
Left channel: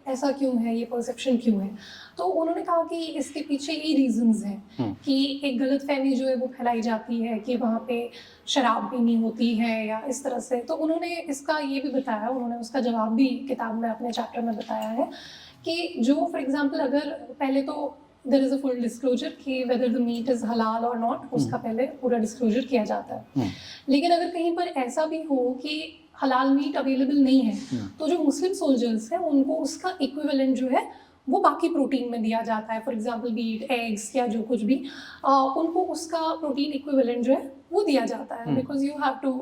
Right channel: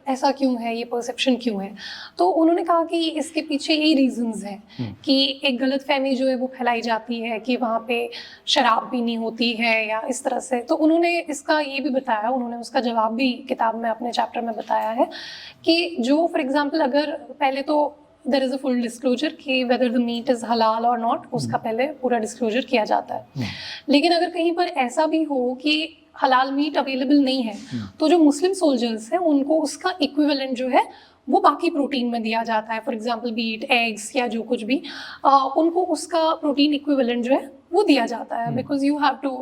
ऐसा क्यों है, ये परसेप्शन क्यों है? तो उन्होंने कहा कि इसके पीछे यही रीजंस हैं कि एक गलत फहमी जो है वो फैलाई जाती है कि वहाँ पे शराब पीनी होती है या इस तरह से। तो उन्होंने इसका ये भी बताया, उन्होंने उसका जवाब भी किताब में अपने चैप्टर में बताया है कि जो फॉर एग्जाम्पल अगर पहले तो there is a full disclosure कि वेदर द मीट इज हलाल और नॉट, उसका पहले पूरा डिस्क्लोजर किया जाता है। लेकिन अगर कहीं पर ऐसा भी हो कि हलाल मीट अवेलेबल नहीं है, तो जो मुस्लिम सोल्जर्स हैं उनको उसका इक्विवेलेंट जो है वो बाकी प्रोटीन में दिया जाता है, फॉर एग्जांपल बीट, एग्स या जो कुछ भी, उनको उसका प्रोटीन इक्विवेलेंट जो है वो दिया जाता है, because you have to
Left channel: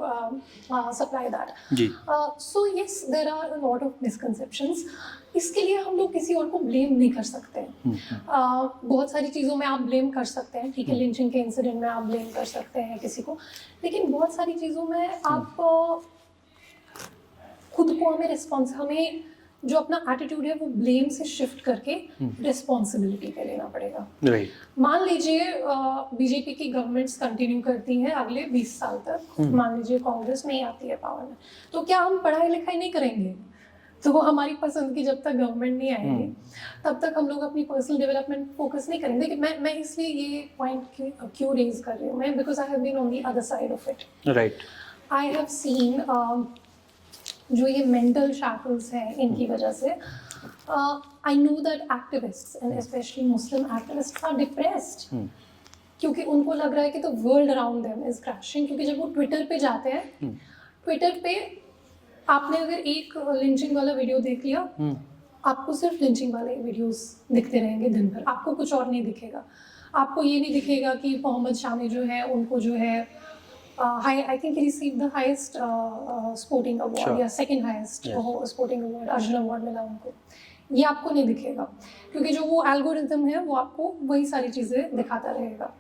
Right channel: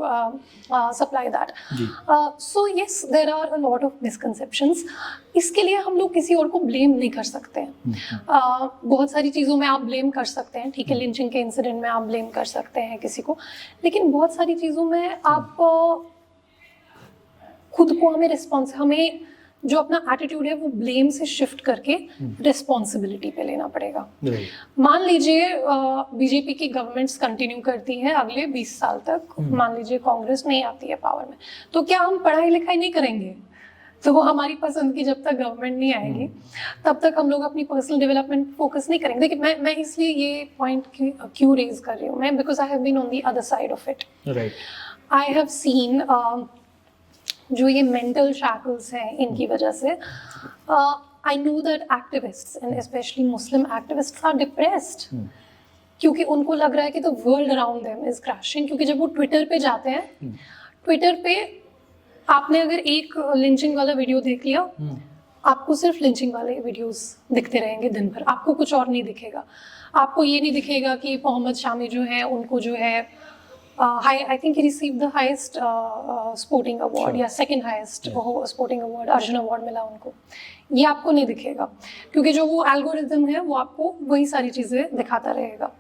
supply that. So yes, there are a lot of misconceptions. इसके लिए हम लोग किसी और को ब्लेम नहीं कर सकते हैं। बहुत सारी चीज़ों में आप ब्लेम कर सकते हैं, ठीक है, लिंचिंग के इंसिडेंट में आप ब्लेम कर सकते हैं किसी को, लेकिन बहुत सारी चीज़ों में आप खुद को हमें जो अपना एटीट्यूड है वो ब्लेम से शिफ्ट करके रिस्पॉन्सिबिलिटी पे लेना पड़ेगा। मान लीजिए बीजेपी की गवर्नमेंट्स कंटिन्यू करती है अगले 20 साल तक, मान लीजिए कांग्रेस नहीं आती है पावर में, तो क्या हम पढ़ाई लिखाई नहीं करेंगे? तो हमारी पसंद की जब तक गवर्नमेंट नहीं आएगी तब तक हम लोग अपनी पर्सनल डेवलपमेंट फोकस नहीं करेंगे। देखिए, मैं इसलिए ये पॉइंट क्यों रेज कर रही हूँ, मैं because I have been on the other side of it. I have seen जो ये मेंटल शैकल्स हैं इनकी वजह से, I know that activists and specially Muslim activists are depressed, क्योंकि उनको लग रहा है कि the world around them is crashing. क्योंकि जब वो ट्विटर पे जाते हैं, ट्विटर पे आपने अगर एक लिंचिंग वाला वीडियो देख लिया, आपको सिर्फ लिंचिंग वाले वीडियोस दिखते रहेंगे दिन भर, आपको कुछ और नहीं दिखेगा। आपको ये नहीं दिखेगा कि मोहम्मद शामी जो है उनको जो है I think he received the highest sporting award या second highest sporting award, Arjun award मिला उनको। ये आपको नहीं दिखेगा क्योंकि जो वो एल्गोरिथम है वो आपको वही सारी चीज़ें दिखाता रहेगा।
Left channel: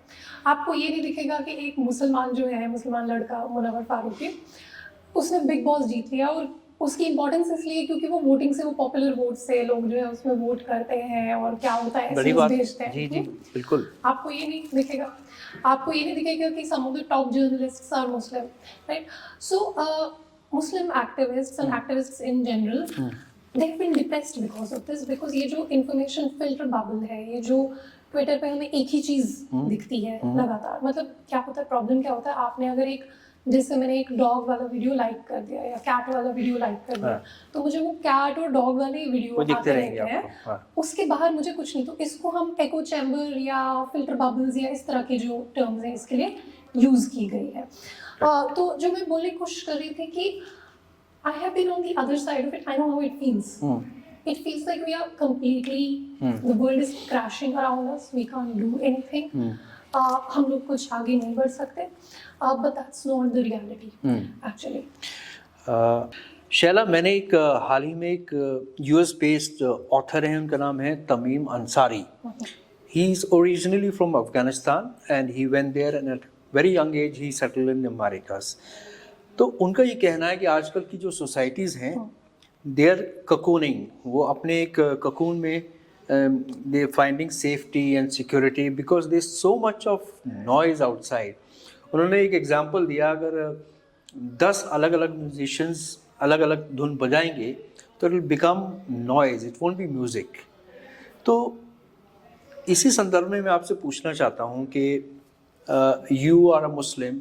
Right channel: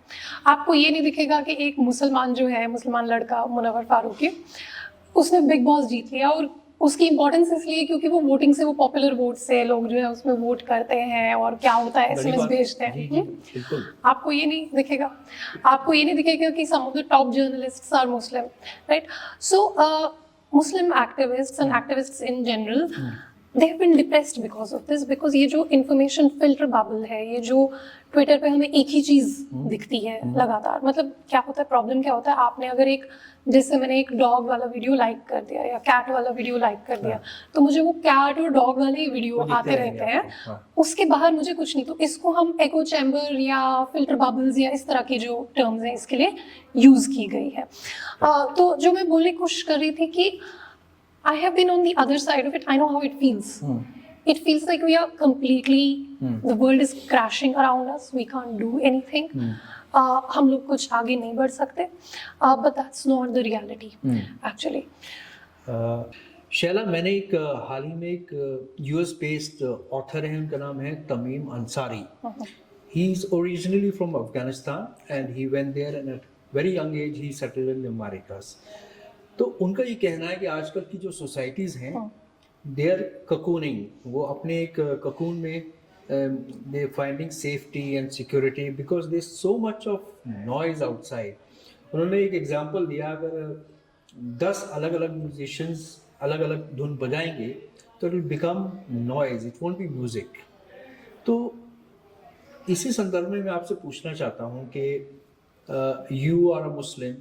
आपको ये नहीं दिखेगा कि एक मुसलमान जो है, मुसलमान लड़का मुनव्वर फारूकी, उसने बिग बॉस जीत लिया, और उसकी इंपॉर्टेंस इसलिए क्योंकि वो वोटिंग से, वो पॉपुलर वोट से लोग जो है उसमें वोट करते हैं और क्या होता है एसएमएस भेजते हैं। बिल्कुल। आपको ये नहीं दिखेगा, आपको ये नहीं दिखेगा कि some of the top journalists are Muslim, right? So Muslim activists and activists in general, they have been depressed because of this, because ये जो इंफॉर्मेशन फिल्टर बबल है, ये जो ट्विटर पे हमें एक ही चीज़ दिखती है लगातार, मतलब क्या होता है, प्रॉब्लम क्या होता है, आपने अगर एक, जैसे मैंने एक डॉग वाला वीडियो लाइक कर दिया या कैट वाला वीडियो लाइक कर दिया, तो मुझे वो कैट और डॉग वाले ही वीडियो आते रहते हैं, उसके बाहर मुझे कुछ नहीं। तो इसको हम एको चैम्बर या फिल्टर बबल्स या इस तरह की जो टर्म्स हैं इसके लिए यूज़ की गई है। तो जो मैं बोलने की कोशिश कर रही थी कि I have been on the other side of it. I know how it feels. It feels like we are completely, the world is crashing around us. We can't do anything. हम लोग कुछ आगे नहीं बढ़ सकते. But that's not the reality, actually. Shaila, मैंने एक हाल ही में एक US बेस्ड ऑथर है, उनका नाम है Tamim Ansari. He is originally from Afghanistan and he went there and at very young age he settled in the Americas. तो उनका ये कहना है कि आजकल की जो सोसाइटीज़ हैं, दे आर ककूनिंग, वो अपने एक ककून में they're finding safety and security because there's so much of noise outside. उन्होंने एक एग्जांपल दिया, अगर 10 अलग अलग म्यूजिशियंस अलग अलग धुन बजाएंगे तो it will become noise, it won't be music. तो इसी संदर्भ में मैं आपसे पूछना चाहता हूँ कि you are a Muslim,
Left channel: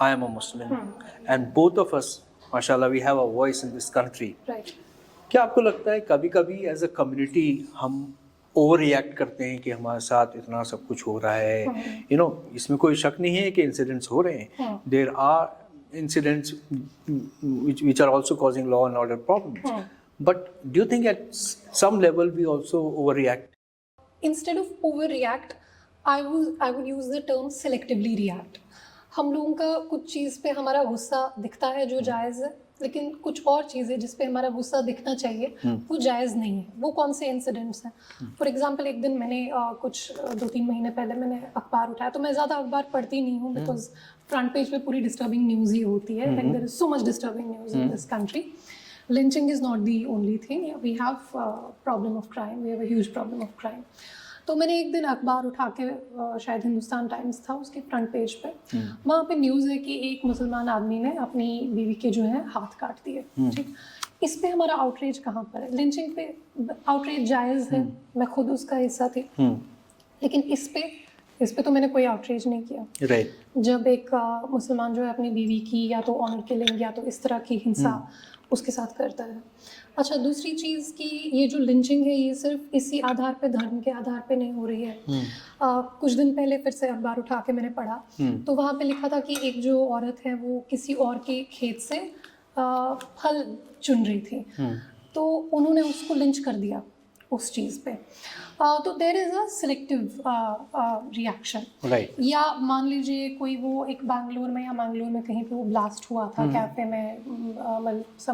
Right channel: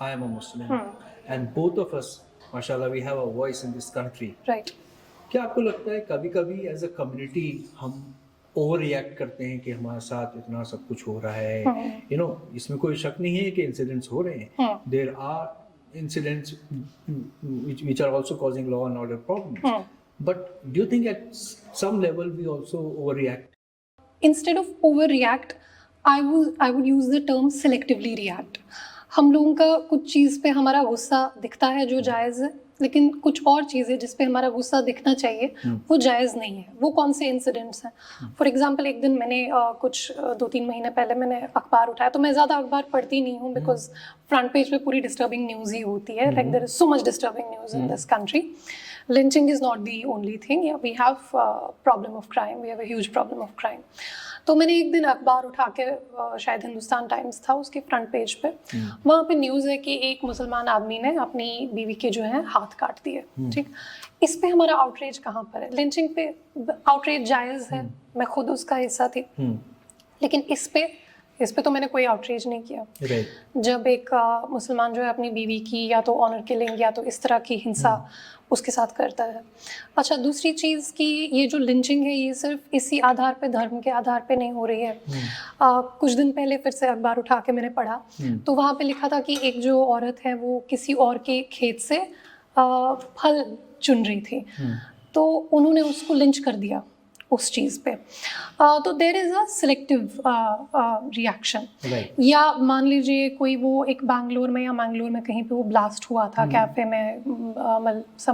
I am a Muslim, and both of us माशाल्लाह we have a voice in this country. Right. क्या आपको लगता है कभी कभी एज अ कम्युनिटी हम ओवर रिएक्ट करते हैं कि हमारे साथ इतना सब कुछ हो रहा है, यू नो, इसमें कोई शक नहीं है कि इंसिडेंट्स हो रहे हैं, there are incidents which are also causing law and order problems, but do you think at some level we also overreact? Instead of overreact, I would use the term selectively react. हम लोगों का कुछ चीज़ पे हमारा गुस्सा दिखता है जो जायज़ है, लेकिन कुछ और चीज़ें जिस पे हमारा गुस्सा दिखना चाहिए वो जायज़ नहीं है. वो कौन से इंसिडेंट्स हैं? फॉर एग्जांपल, एक दिन मैंने कुछ 2-3 महीने पहले मैंने अखबार उठाया. तो मैं ज़्यादा अखबार पढ़ती नहीं हूँ बिकॉज फ्रंट पेज पे पूरी डिस्टर्बिंग न्यूज़ ही होती है. Like there is so much disturbing news in this country. Lynching is not the only thing. Yeah, we have a problem of crime. We have a huge problem of crime. तो मैंने एक दिन अखबार उठा के शायद हिंदुस्तान टाइम्स था, उसके फ्रंट पेज पे वहाँ पे न्यूज़ है कि एक मुसलमान आदमी ने अपनी बीवी के जो है हाथ काट दिए. ठीक, इस पे हमारा आउटरीच कहाँ पर है? लिंचिंग पे आउटरीच जायज़ है, मैं खुद उसका हिस्सा थी, लेकिन इस पे तो मैंने कोई आउटरीच नहीं किया. Right. जब एक मुसलमान जो है अपनी बीवी की या तो ऑनर किलिंग या तो इस तरह की हिंसा उसके साथ करता है. अच्छा, दूसरी चीज़ कि ये जो लिंचिंग है ये सिर्फ इसी आधार पे, धर्म के आधार पे नहीं हो रही है. कुछ दिन पहले फिर से अखबार उठा के मैंने पढ़ा तो वहाँ पे लिखा था कि एक जो औरत है वो किसी और के खेत से फल चुन रही थी, तो उन्होंने उसको लिंच कर दिया उस चीज़ पे. तो there is a selective reaction. या मान लीजिए कोई वो एक बैंगलोर में कहीं पे वो ब्लास्ट हुआ था कैफ़े में,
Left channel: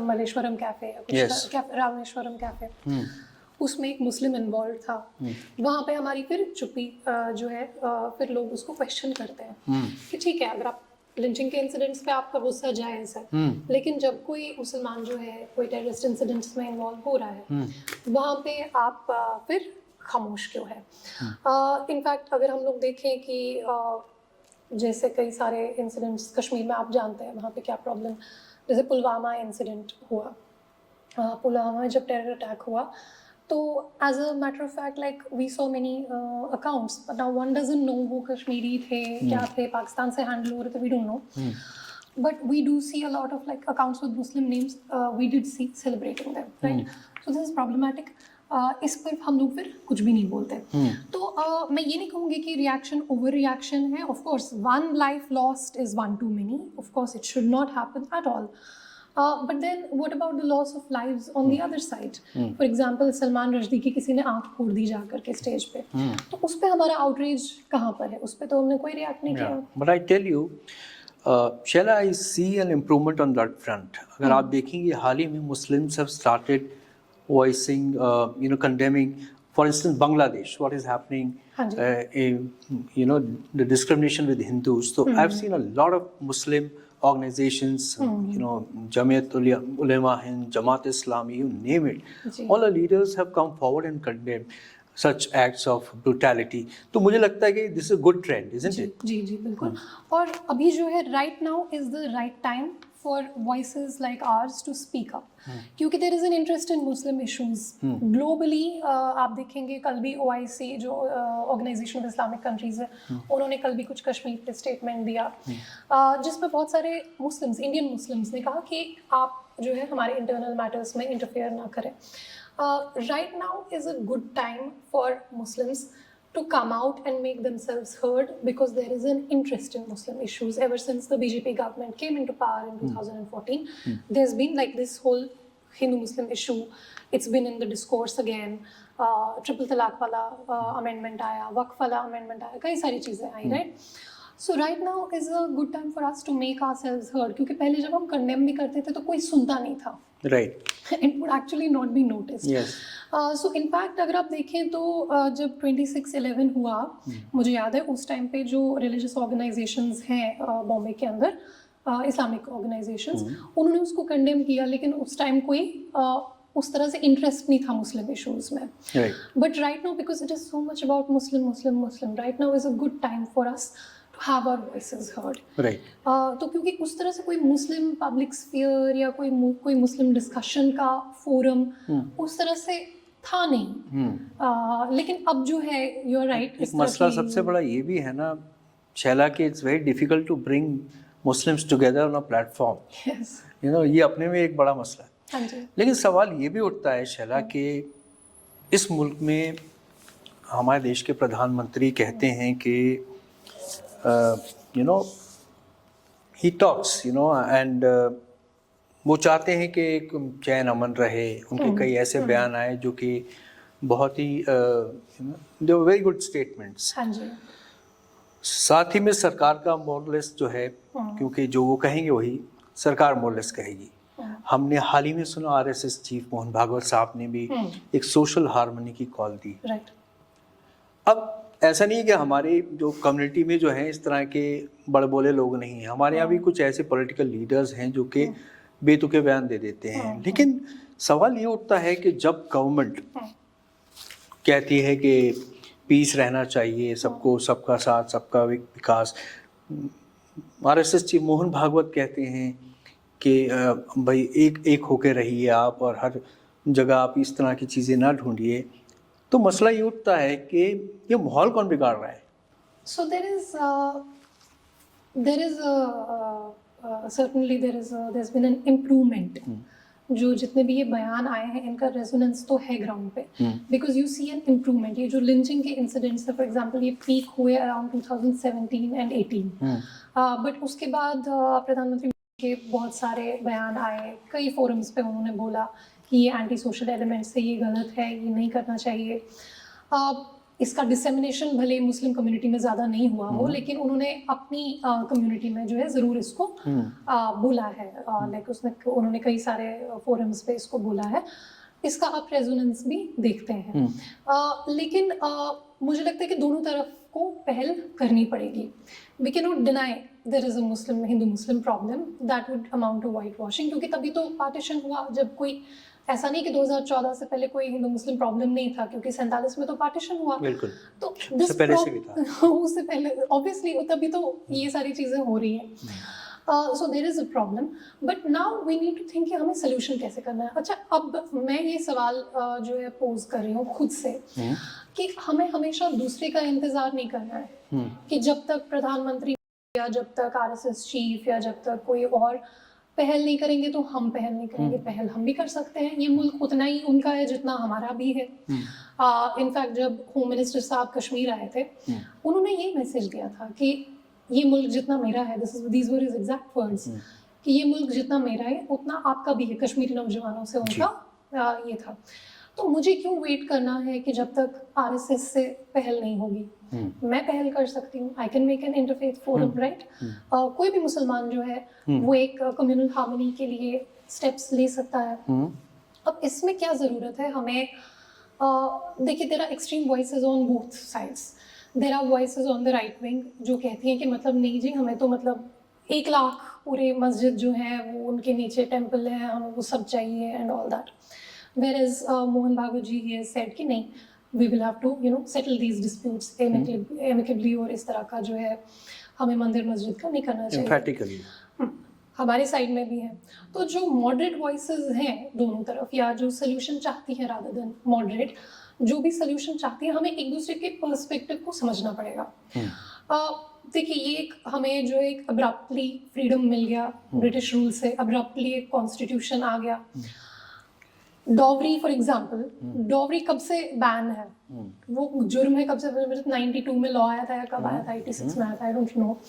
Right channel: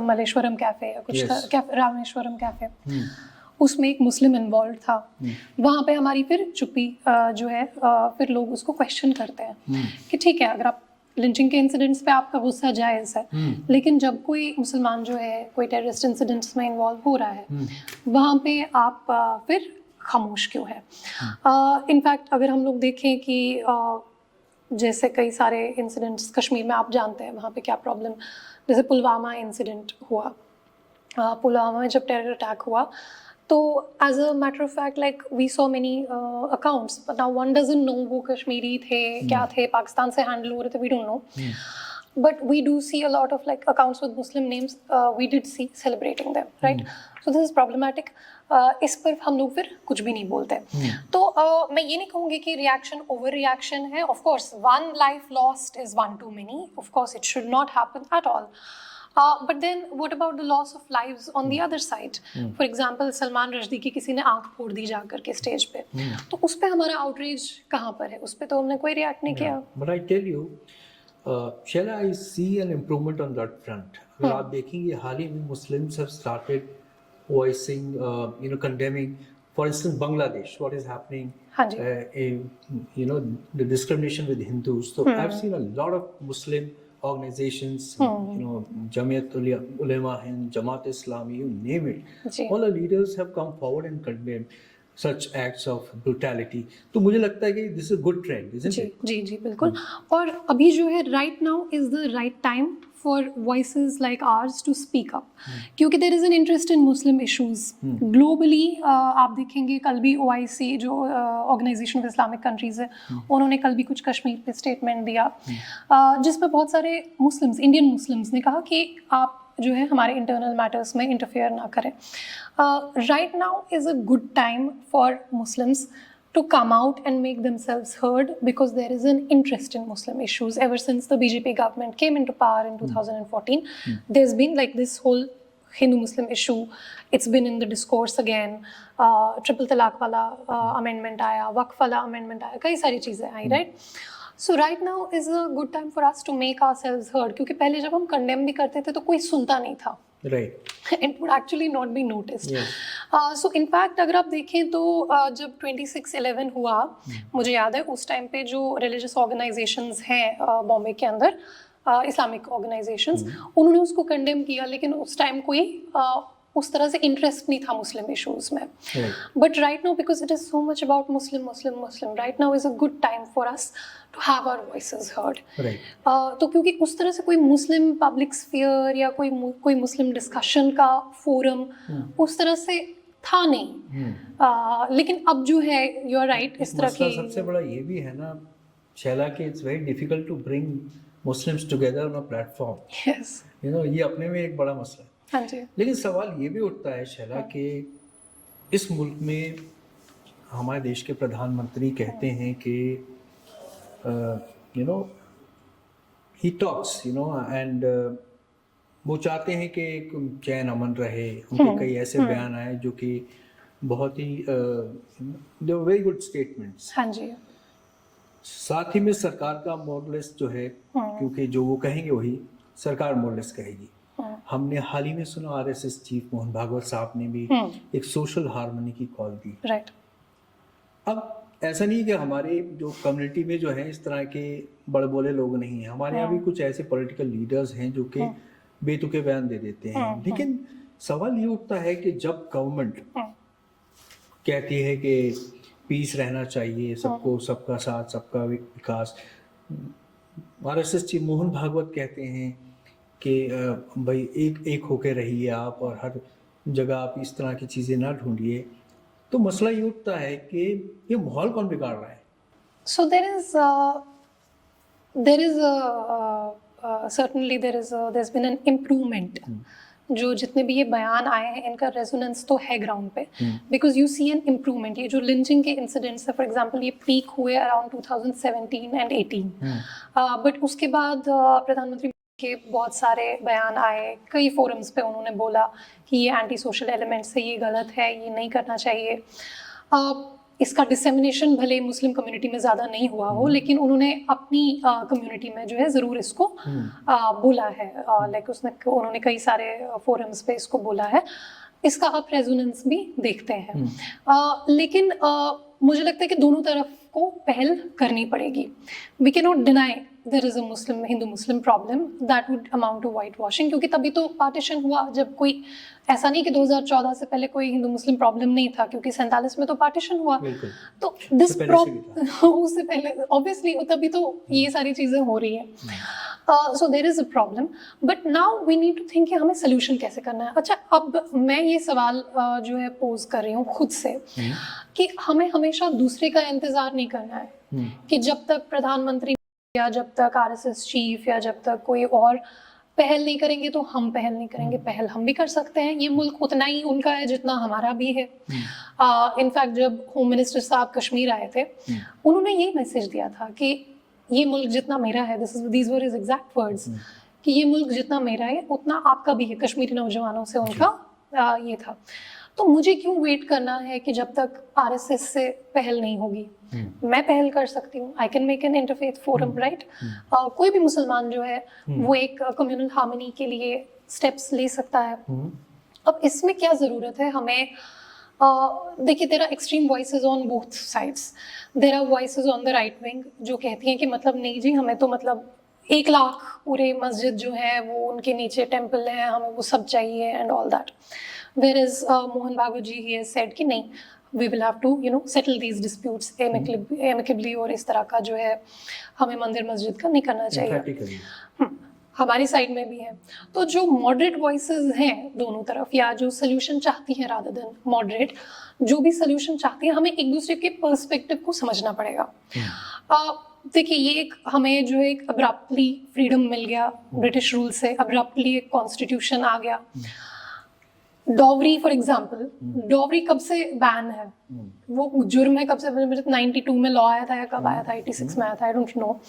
मलेश्वरम कैफ़े या कुछ रामेश्वरम कैफ़े, उसमें एक मुस्लिम इन्वॉल्व था. वहाँ पे हमारी फिर चुप्पी जो है फिर लोग उसको क्वेश्चन करते हैं कि ठीक है, अगर आप लिंचिंग के इंसिडेंट्स पे आपका गुस्सा जायज़ है, लेकिन जब कोई मुसलमान जो है कोई टेररिस्ट इंसिडेंट्स में इन्वॉल्व हो रहा है वहाँ पे आप फिर खामोश क्यों है? इनफैक्ट अगर हम लोग देखें कि जैसे कई सारे इंसिडेंट्स कश्मीर में आप जानते हैं वहाँ पे क्या प्रॉब्लम, जैसे पुलवामा इंसिडेंट हुआ. पुलवामा में जब टेरर अटैक हुआ तो as a matter of fact like we saw many accounts, but now one doesn't know वो कश्मीरी थे क्या थे, पाकिस्तान से हैंडल हो रहे थे, we don't know. But we do see a lot of like accounts with Muslim names. We did see celebrating them, right? So this is problematic. इस पर हम लोग फिर कुछ भी नहीं बोलते. तो मैं ये नहीं कहूँगी कि रिएक्शन ओवर रिएक्शन है. Of course, one life lost is one too many. Of course, it should not happen at all. But then what about the loss of lives on the other side? For example, Salman Rushdie की किसी ने आँख फोड़ दी जाकर के stage पे, तो उस पे हमारा आउटरीच कहाँ पर है? उस पे तो हमने कोई रिएक्ट नहीं किया. But I tell you, Shaila, I see an improvement on that front. अगर आप देखेंगे हाल ही में Muslims have started voicing, condemning, for instance, Bangladesh, what is happening, the discrimination with Hindus. So I've seen a lot of Muslim organizations, Jamiat Ulema Hind, Jamaat Islami, you name it. All the leaders have come forward and condemned such acts of brutality. तो मुझे लगता है कि this is a good trend, isn't it? जी बिल्कुल. और अभी जो है right now is the right time for voices like ours to speak up, क्योंकि there is an interest in Muslim issues globally. आप देखेंगे कल भी OIC जो Organization of Islamic Countries है, उन्होंने कल भी कुछ कश्मीर पे स्टेटमेंट दिया जिसमें बहुत सारे मुस्लिम्स, इंडियन मुस्लिम्स ने कहा कि आप जो है हमारे इंटरनल मैटर्स में इंटरफेयर ना करें. Right now is a good time for Muslims to come out and make themselves heard because there is an interest in Muslim issues. Ever since the BJP government came into power in 2014, there's been like this whole Hindu-Muslim issue. It's been in the discourse again. Triple Talaq wala amendment आया, वक्फ वाला amendment आया, कई सारी चीज़ें आई, right? So right now is a good time for us to make ourselves heard, क्योंकि पहले जब हम condemn भी करते थे तो कोई सुनता नहीं था. Right. It would actually not be noticed. Yes. So in fact अगर आप देखें तो जब 26/11 हुआ, मुझे याद है उस टाइम पे जो religious organizations हैं बॉम्बे के अंदर, इस्लामिक ऑर्गेनाइजेशंस, उन्होंने उसको कंडेम किया, लेकिन उस टाइम कोई उस तरह से इंटरेस्ट नहीं था मुस्लिम इश्यूज में. Right. But right now, because it is so much about Muslim, right now is a good time for us to have our voices heard. Right. तो क्योंकि उस तरह से कोई मुस्लिम पब्लिक स्फीयर या कोई मुस्लिम डिस्कशन का फोरम उस तरह से था नहीं. लेकिन अब जो है, यू आर राइट, इस तरह मसला की सबसे बड़ा ये भी है ना शैला कि it's very difficult to bring Muslims together on a platform. Yes. ये अपने में एक बड़ा मसला है. हाँ जी. लेकिन सवाल ये भी उठता है शैला कि इस मुल्क में हमारे देश के प्रधानमंत्री कहते हैं कि ही टॉक्स एंड वो चाहते हैं कि एक चैन अमन रहे. उनके कई ऐसे बयान आए जो कि बहुत ही दे वेरी गुड स्टेटमेंट्स. हाँ जी. साथ ही में सरकार का मोरलेस जो है, क्योंकि जो वो कहेंगे वही सरकार मोरलेस कहेगी. हमने हाल ही में सुना आरएसएस चीफ मोहन भागवत साहब ने भी एक सोशल हार्मनी की कॉल दी. राइट. अब ऐसा नहीं है कि हमारे जो कम्युनिटी में जो है इस तरह के बड़बोले लोग नहीं हैं. हमारे यहाँ भी कुछ ऐसे पॉलिटिकल लीडर्स हैं जो कि बेतुके बयान दे देते हैं. लेकिन सवाल ये उठता है कि जब गवर्नमेंट कहती है कि पीस रहना चाहिए, सबको सबका साथ सबका विकास, आरएसएस चीफ मोहन भागवत कहते हैं कि भाई एक होके रहिए आप और हर जगह आप इस तरह की चीज़ें ना ढूंढिए. तो मसला ये उठता है कि ये माहौल कौन बिगाड़ रहा है. So certainly there's been an improvement. जो जितने भी ये बयान आए हैं इनका रेजोनेंस तो है ग्राउंड पे, because you see an improvement. ये जो लिंचिंग के इंसिडेंट्स है फॉर एग्जांपल, ये पीक हुए अराउंड 2017 एंड 18. बट उसके बाद प्रधानमंत्री के बहुत सारे बयान आए, कई फोरम्स पे उन्होंने बोला कि ये एंटी सोशल एलिमेंट्स है, ये गलत है, ये नहीं करना चाहिए. इसका डिसेमिनेशन भले मुस्लिम कम्युनिटी में ज़्यादा नहीं हुआ हो, लेकिन उन्होंने अपनी कम्युनिटी में जो है ज़रूर इसको बोला है. लाइक उन्होंने कई सारे फोरम्स पे इसको बोला है. इसका आप रेजोनेंस भी देखते हैं. लेकिन मुझे लगता है कि दोनों तरफ को पहल करनी पड़ेगी. We can not deny there is a Hindu Muslim problem that would amount to white washing, क्योंकि तभी तो पार्टीशन हुआ. जब कोई ऐसा नहीं कि 2014 से पहले कोई हिंदू मुस्लिम प्रॉब्लम नहीं था, क्योंकि 47 में तो पार्टीशन हुआ. तो दिस उससे पहले ऑब्वियसली तभी तो ये सारी चीज़ें हो रही हैं. So there is a problem, but now we need to think कि हमें सोल्यूशन कैसे करना है. अच्छा, अब मैं ये सवाल जो है पोज कर रही हूँ खुद से कि हमें हमेशा दूसरे का इंतज़ार नहीं करना है कि जब तक प्रधानमंत्री या जब तक आरएसएस चीफ या जब तक कोई और पहल नहीं करेंगे तो हम पहल नहीं करेंगे. पहल हम भी कर सकते हैं. ये मुल्क उतना ही उनका है जितना हमारा भी है. इनफैक्ट जब होम मिनिस्टर साहब कश्मीर आए थे, उन्होंने यही मैसेज दिया था कि ये मुल्क जितना मेरा है, these were his exact words, कि ये मुल्क जितना मेरा है उतना आपका भी है. कश्मीरी नौजवानों से उनका ये था. तो मुझे क्यों वेट करना है कि जब तक आरएसएस से पहल नहीं होगी. मैं पहल कर सकती हूँ. I can make an interfaith forum, right. कोई भी मुसलमान जो है वो एक कम्युनल हार्मनी के लिए स्टेप्स ले सकता है. अब इसमें क्या ज़रूरत है हमें. देखिए, there are extreme voices on both sides. There are voices on the right wing जो कहती हैं कि मतलब नहीं जी, हमें तो मतलब 1 लाख पूरे मस्जिद जो है वो उनके नीचे टेम्पल है, हमें वो सब चाहिए and all that. There is Mohan Bhagwat ji, he has said कि नहीं, we will have to settle these disputes amicably, और इस तरह का जो है हमें मंदिर मस्जिद का नहीं करना चाहिए. हमारी साइड में भी है. तो जो मॉडरेट वॉइसेस हैं दोनों तरफ, या जो सोल्यूशन चाहती हैं रादर देन मॉडरेट, जो भी सोल्यूशन चाहती हैं, हमें एक दूसरे के पर्सपेक्टिव को समझना पड़ेगा. देखिए, ये एक हमें जो एक अब्रप्टली फ्रीडम मिल गया ब्रिटिश रूल से, अब्रप्टली एक कॉन्स्टिट्यूशन आ गया. डॉवरी फॉर एग्जाम्पल, डॉवरी कब से बैन है, वो जुर्म है कब से, 92 में लॉ आया था या कब आया था, 86 में आया था, आई डोंट नो.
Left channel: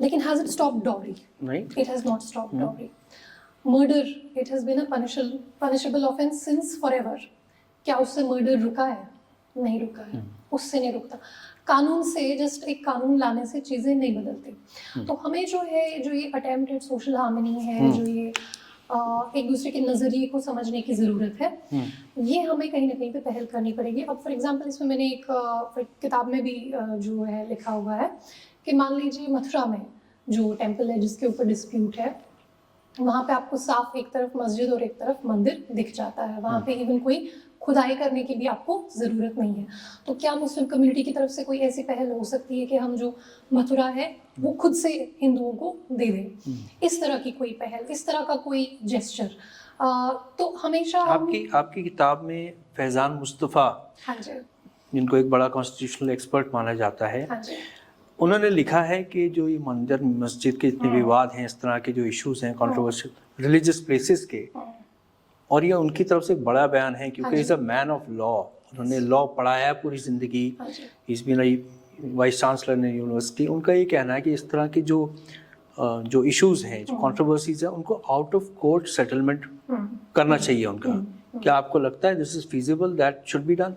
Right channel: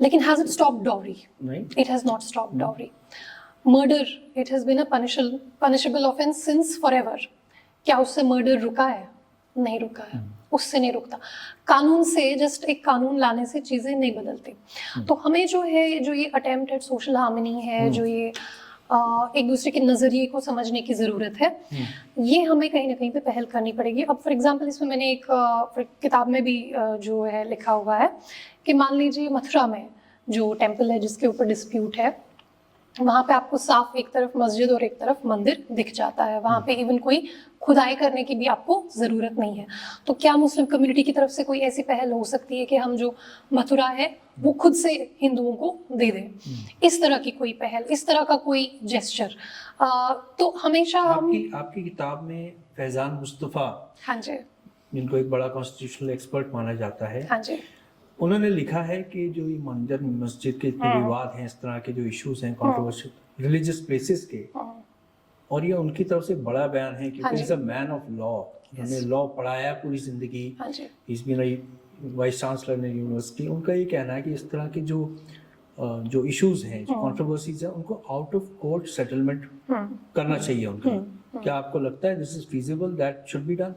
लेकिन has it stop dowry? It has not stop dowry. Murder, it has been a punishable offence since forever. क्या उससे मर्डर रुका है? नहीं रुका है. उससे नहीं रुकता. कानून से, जस्ट एक कानून लाने से चीज़ें नहीं बदलती. तो हमें जो है, जो ये अटेम्प्ट एट सोशल हार्मनी है, जो ये एक दूसरे के नज़रिए को समझने की ज़रूरत है, ये हमें कहीं ना कहीं पे पहल करनी पड़ेगी. अब फॉर एग्जांपल, इसमें मैंने एक किताब में भी जो है लिखा हुआ है कि मान लीजिए मथुरा में जो टेम्पल है जिसके ऊपर डिस्प्यूट है, वहाँ पे आपको साफ एक तरफ मस्जिद और एक तरफ मंदिर दिख जाता है, वहाँ पे इवन कोई खुदाई करने की भी आपको ज़रूरत नहीं है। तो क्या मुस्लिम कम्युनिटी की तरफ से कोई ऐसी पहल हो सकती है कि हम जो मथुरा है वो खुद से हिंदुओं को दे दें, इस तरह की कोई पहल, इस तरह का कोई जेस्चर? तो हमेशा आपकी किताब में फैज़ान मुस्तफ़ा, हाँ जी, जिनको एक बड़ा कॉन्स्टिट्यूशनल एक्सपर्ट माना जाता है, हाँ जी, उन्होंने लिखा है कि जो ये मंदिर मस्जिद के इतने विवाद हैं, इस तरह के जो इश्यूज हैं कंट्रोवर्शियल रिलीजियस प्लेसेस के, और ये उनकी तरफ से एक बड़ा बयान है क्योंकि is a man of law, उन्होंने लॉ पढ़ाया है पूरी जिंदगी, इसमें रही वाइस चांसलर ने यूनिवर्सिटी। उनका ये कहना है कि इस तरह के जो इश्यूज हैं, जो कंट्रोवर्सीज हैं, उनको आउट ऑफ कोर्ट सेटलमेंट करना चाहिए उनका। क्या आपको लगता है this is feasible, that should be done?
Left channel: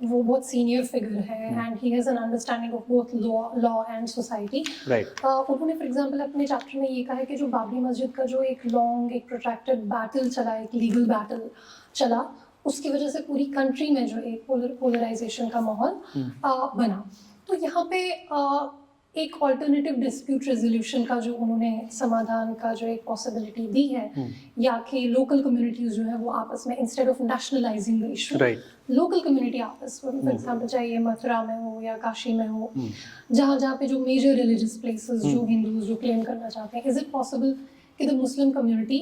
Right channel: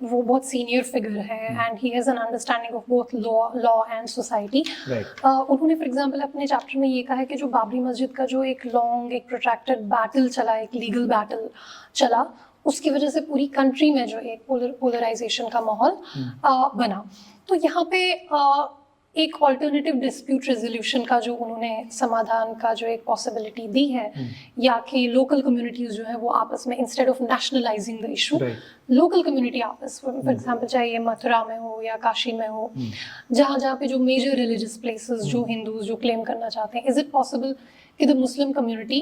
वो बहुत सीनियर फिगर है and he has an understanding of both law and society. उन्होंने फॉर एग्जांपल अपने चैप्टर में ये कहा है कि जो बाबरी मस्जिद का जो एक लॉन्ग, एक प्रोट्रैक्टेड बैटल चला, एक लीगल बैटल चला, उसकी वजह से पूरी कंट्री में जो एक पोलराइजेशन का माहौल बना। तो यहाँ पे एक ऑल्टरनेटिव डिस्प्यूट रेजोल्यूशन का जो उन्होंने समाधान का जो एक पॉसिबिलिटी दी है, या कि लोकल कम्युनिटीज जो है वो आपस में instead of nationalising the issue, local community आपस में, फॉर एग्जांपल चाहे ये मथुरा में हो या काशी में हो, जहाँ पे जो मेजर रिलीजियस प्लेसेस जो हिंदूज जो क्लेम करना चाहते हैं, इज इट पॉसिबल कि the Muslim community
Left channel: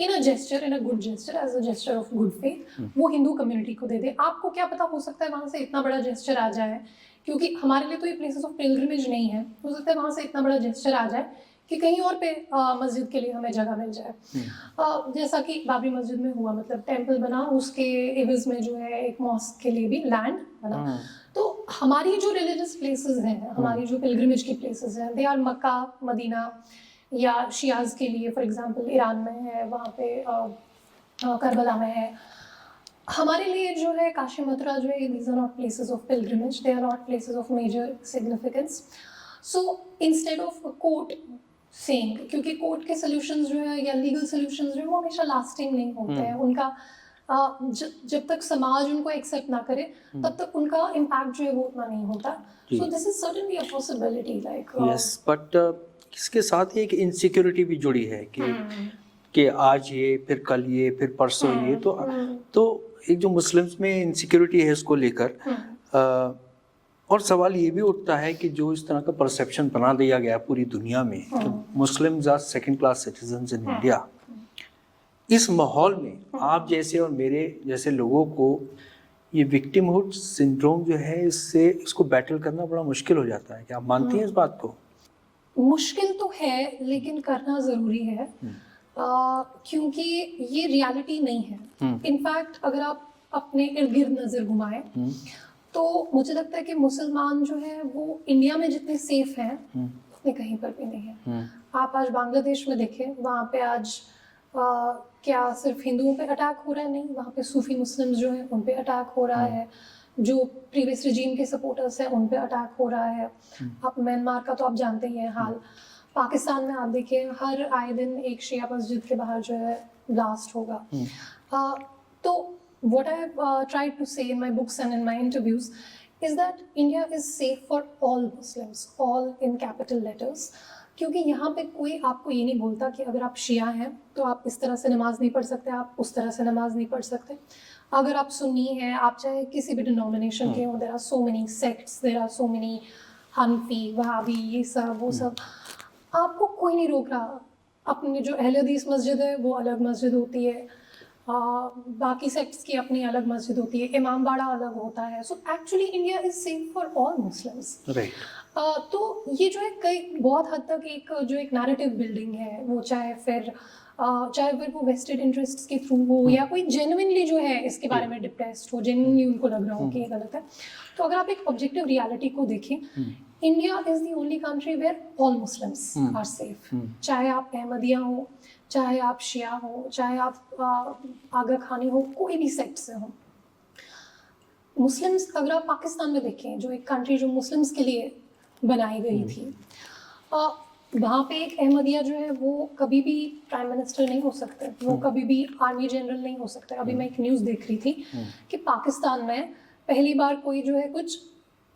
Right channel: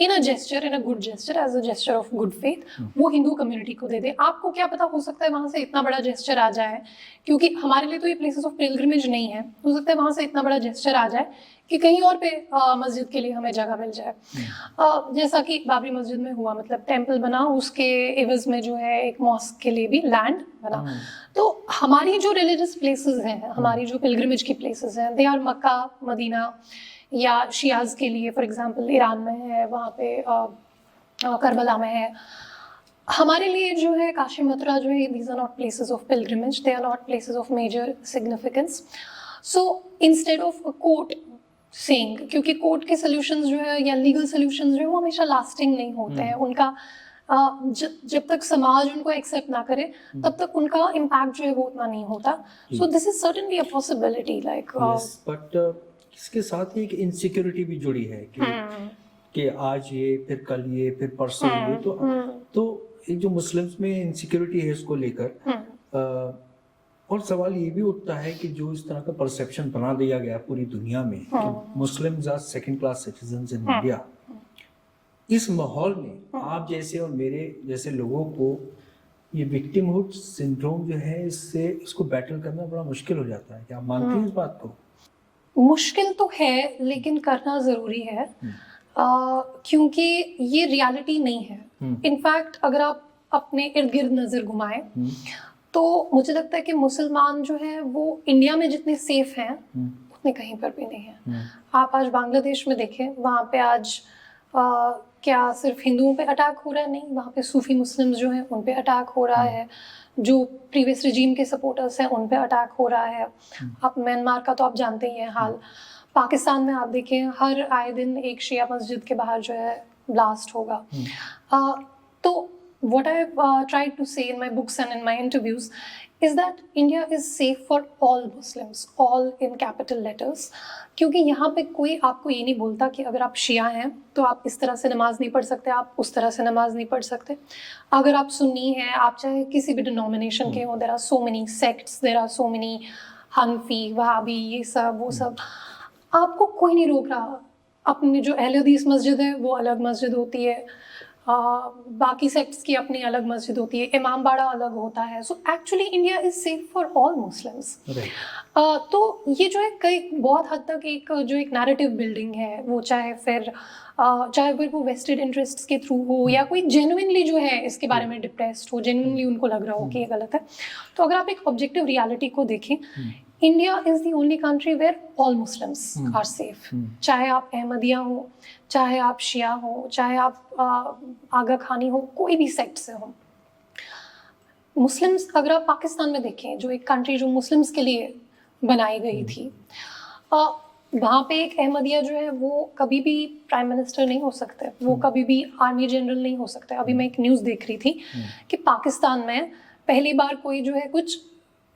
in a gesture, in a good gesture, as a gesture of good faith, वो हिंदू कम्युनिटी को दे दे? आपको क्या पता, हो सकता है वहाँ से इतना बड़ा जेस्चर आ जाए, क्योंकि हमारे लिए तो ये प्लेसेस ऑफ पिलग्रिमेज नहीं है, हो सकता है वहाँ से इतना बड़ा जेस्चर आ जाए कि कहीं और पे मस्जिद के लिए हमें जगह मिल जाए। जैसा कि बाबरी मस्जिद में हुआ, मतलब टेम्पल बना, उसके एवज में जो है एक मॉस्क के लिए भी लैंड बना। तो हमारी जो रिलीजियस प्लेसेस हैं, हमारी जो पिलग्रिमेज की प्लेसेस हैं, दे आर मक्का, मदीना, या शियाज के लिए फॉर एग्जांपल ईरान में है, वहाँ पे करबला में है। हमारे लिए जो है काशी, मथुरा जो है, these are not places of pilgrimage, they are not places of major significance. So instead of a court saying, क्योंकि कोर्ट के solutions जो है या legal solutions जो है वो हमेशा lasting नहीं होते हैं, उनका जब तक समाज उनको एक्सेप्ट ना करे तब तक उनका इम्पैक्ट जो है वो उतना नहीं होता। So this is certainly a possibility, like yes, but इसके साथ ही एक इनसिक्योरिटी भी जुड़ी है कि आज ये, फिर कल ये, फिर परसों ये, तो एक जो मुस्लिम्स में इनसिक्योरिटी है इसको लेकर, और सवाल ये भी उठता है कि जो इस तरह का परसेप्शन बना दिया गया पूरी दुनिया में कि Muslims are second class citizens in India, इस माहौल में आप जैसे और मेरे जैसे लोगों को ये विक्टिमहुड सिंड्रोम जो है, इसको बैटल करना बड़ा मुश्किल हो जाता है। क्या आप मानती हैं इस बात को? मुश्किल तो है, लेकिन करना ज़रूरी है, क्योंकि ये रियलिटी नहीं है। इनफैक्ट अगर आप अपने इर्द गिर्द नज़र घुमाएं तो मुझे लगता है कि मुसलमान जो है वो इंडिया में जितने सेफ हैं उतने कहीं पर भी नहीं हैं। आप आज बांग्लादेश में देखें, वहाँ पे आज क्या सिर्फ हिंदुओं पे अटैक हो रहा है? नहीं, वहाँ पे सूफी मुस्लिम्स जो हैं उन पे अटैक हो रहा है, जो प्रीवियस रिजीम के सपोर्टर्स हैं उन पे अटैक हो रहा है। आप म्यांमार का तो आप जानते ही हैं हाल, पाकिस्तान में आप देखिए हर आए दिन एक शिया मस्जिद के बाहर जो है ब्लास्ट होगा। तो what I've tried to say in my books and in my interviews is that India is safe for all Muslims, all in capital letters, क्योंकि यहाँ पे कोई आपको ये नहीं बोलता कि अगर आप शिया हैं तो आप इस तरह से नमाज नहीं पढ़ सकते, आप उस तरह से नमाज नहीं पढ़ सकते। अगर आप सुन्नी हैं, आप चाहे किसी भी डिनोमिनेशन के हो, there are so many sects, there are so many Hanafi, Wahabi, ये सब वो सब, आपको कोई नहीं रोक रहा। अपनी जो अहले हदीस मस्जिद है वो अलग मस्जिद होती है, बाकी सेक्ट्स की अपनी अलग मस्जिद होती है, इमाम बाड़ा अलग होता है। So actually India is safe for all Muslims. तो ये जो है कई बहुत हद तक एक जो एक नैरेटिव बिल्डिंग है, वो चाहे फिर वो वेस्टेड इंटरेस्ट्स के थ्रू हो या कोई जेन्युइनली जो है इसके बारे में डिप्रेस्ड हो, जेन्युइनली उनको लग रहा हो कि ये गलत है। तो अगर आप एक ऑब्जेक्टिव रियलिटी को देखें, India is the only country where all Muslims are safe. चाहे आप अहमदिया हो, चाहे आप शिया हो, चाहे आप आगा खानी हो, कोई भी सेक्ट से हो। मुस्लिम्स अगर आप पाकिस्तान में देखें, जो एक कंट्री जो मुस्लिम्स के लिए बनाई गई थी, वहाँ पे एक अहमदिया जो है वो कभी भी प्राइम मिनिस्टर नहीं हो सकते, वो कभी भी आर्मी जनरल नहीं हो सकते। अभी मैं एक न्यूज़ देख रही थी कि पाकिस्तान में पहली बार कोई जो है कुछ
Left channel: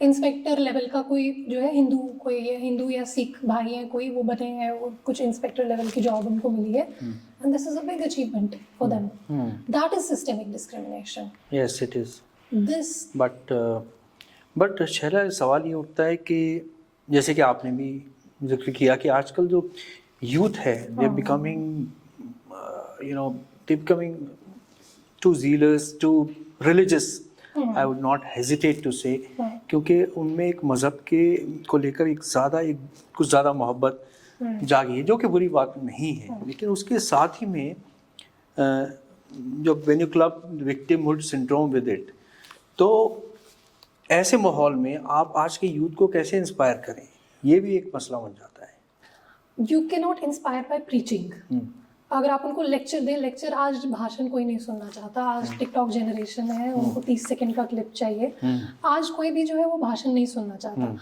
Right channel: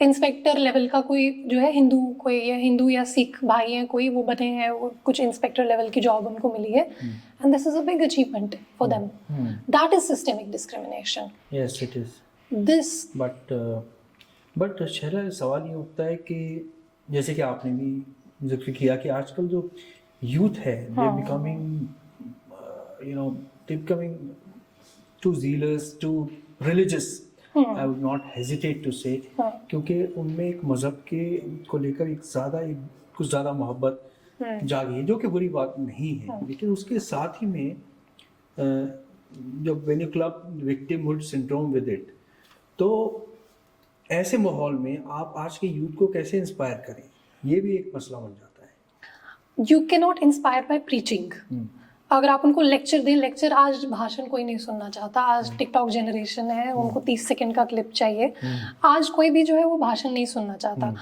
इंस्पेक्टर लेवल का कोई जो है हिंदू या सिख भाई है कोई, वो बने हैं, वो कुछ इंस्पेक्टर लेवल की जॉब उनको मिली है, and this is a big achievement for them. That is systemic discrimination. Yes it is this but Shaila, सवाल ये उठता है कि जैसे कि आपने भी जिक्र किया कि आजकल जो यूथ है they becoming too zealous, too religious. I would not hesitate to say, क्योंकि उनमें एक मज़हब के को लेकर कुछ ज़्यादा मोहब्बत जागी है, जो कि बुरी बात नहीं है. लेकिन उसके साथ ही में जो when you club victimhood syndrome with it, तो ऐसे माहौल में आप आज के यूथ को कैसे इंस्पायर करें, ये भी एक मसला बन जाता है. You can not inspire by preaching. अगर आप उनको लेक्चर दें, लेक्चर आज भाषण कोई नहीं सुनना चाहता. आज टिकटॉक जनरेशन है, उनको 30 सेकंड का क्लिप चाहिए. आज कोई भी जो है वो भाषण नहीं सुनना चाहता.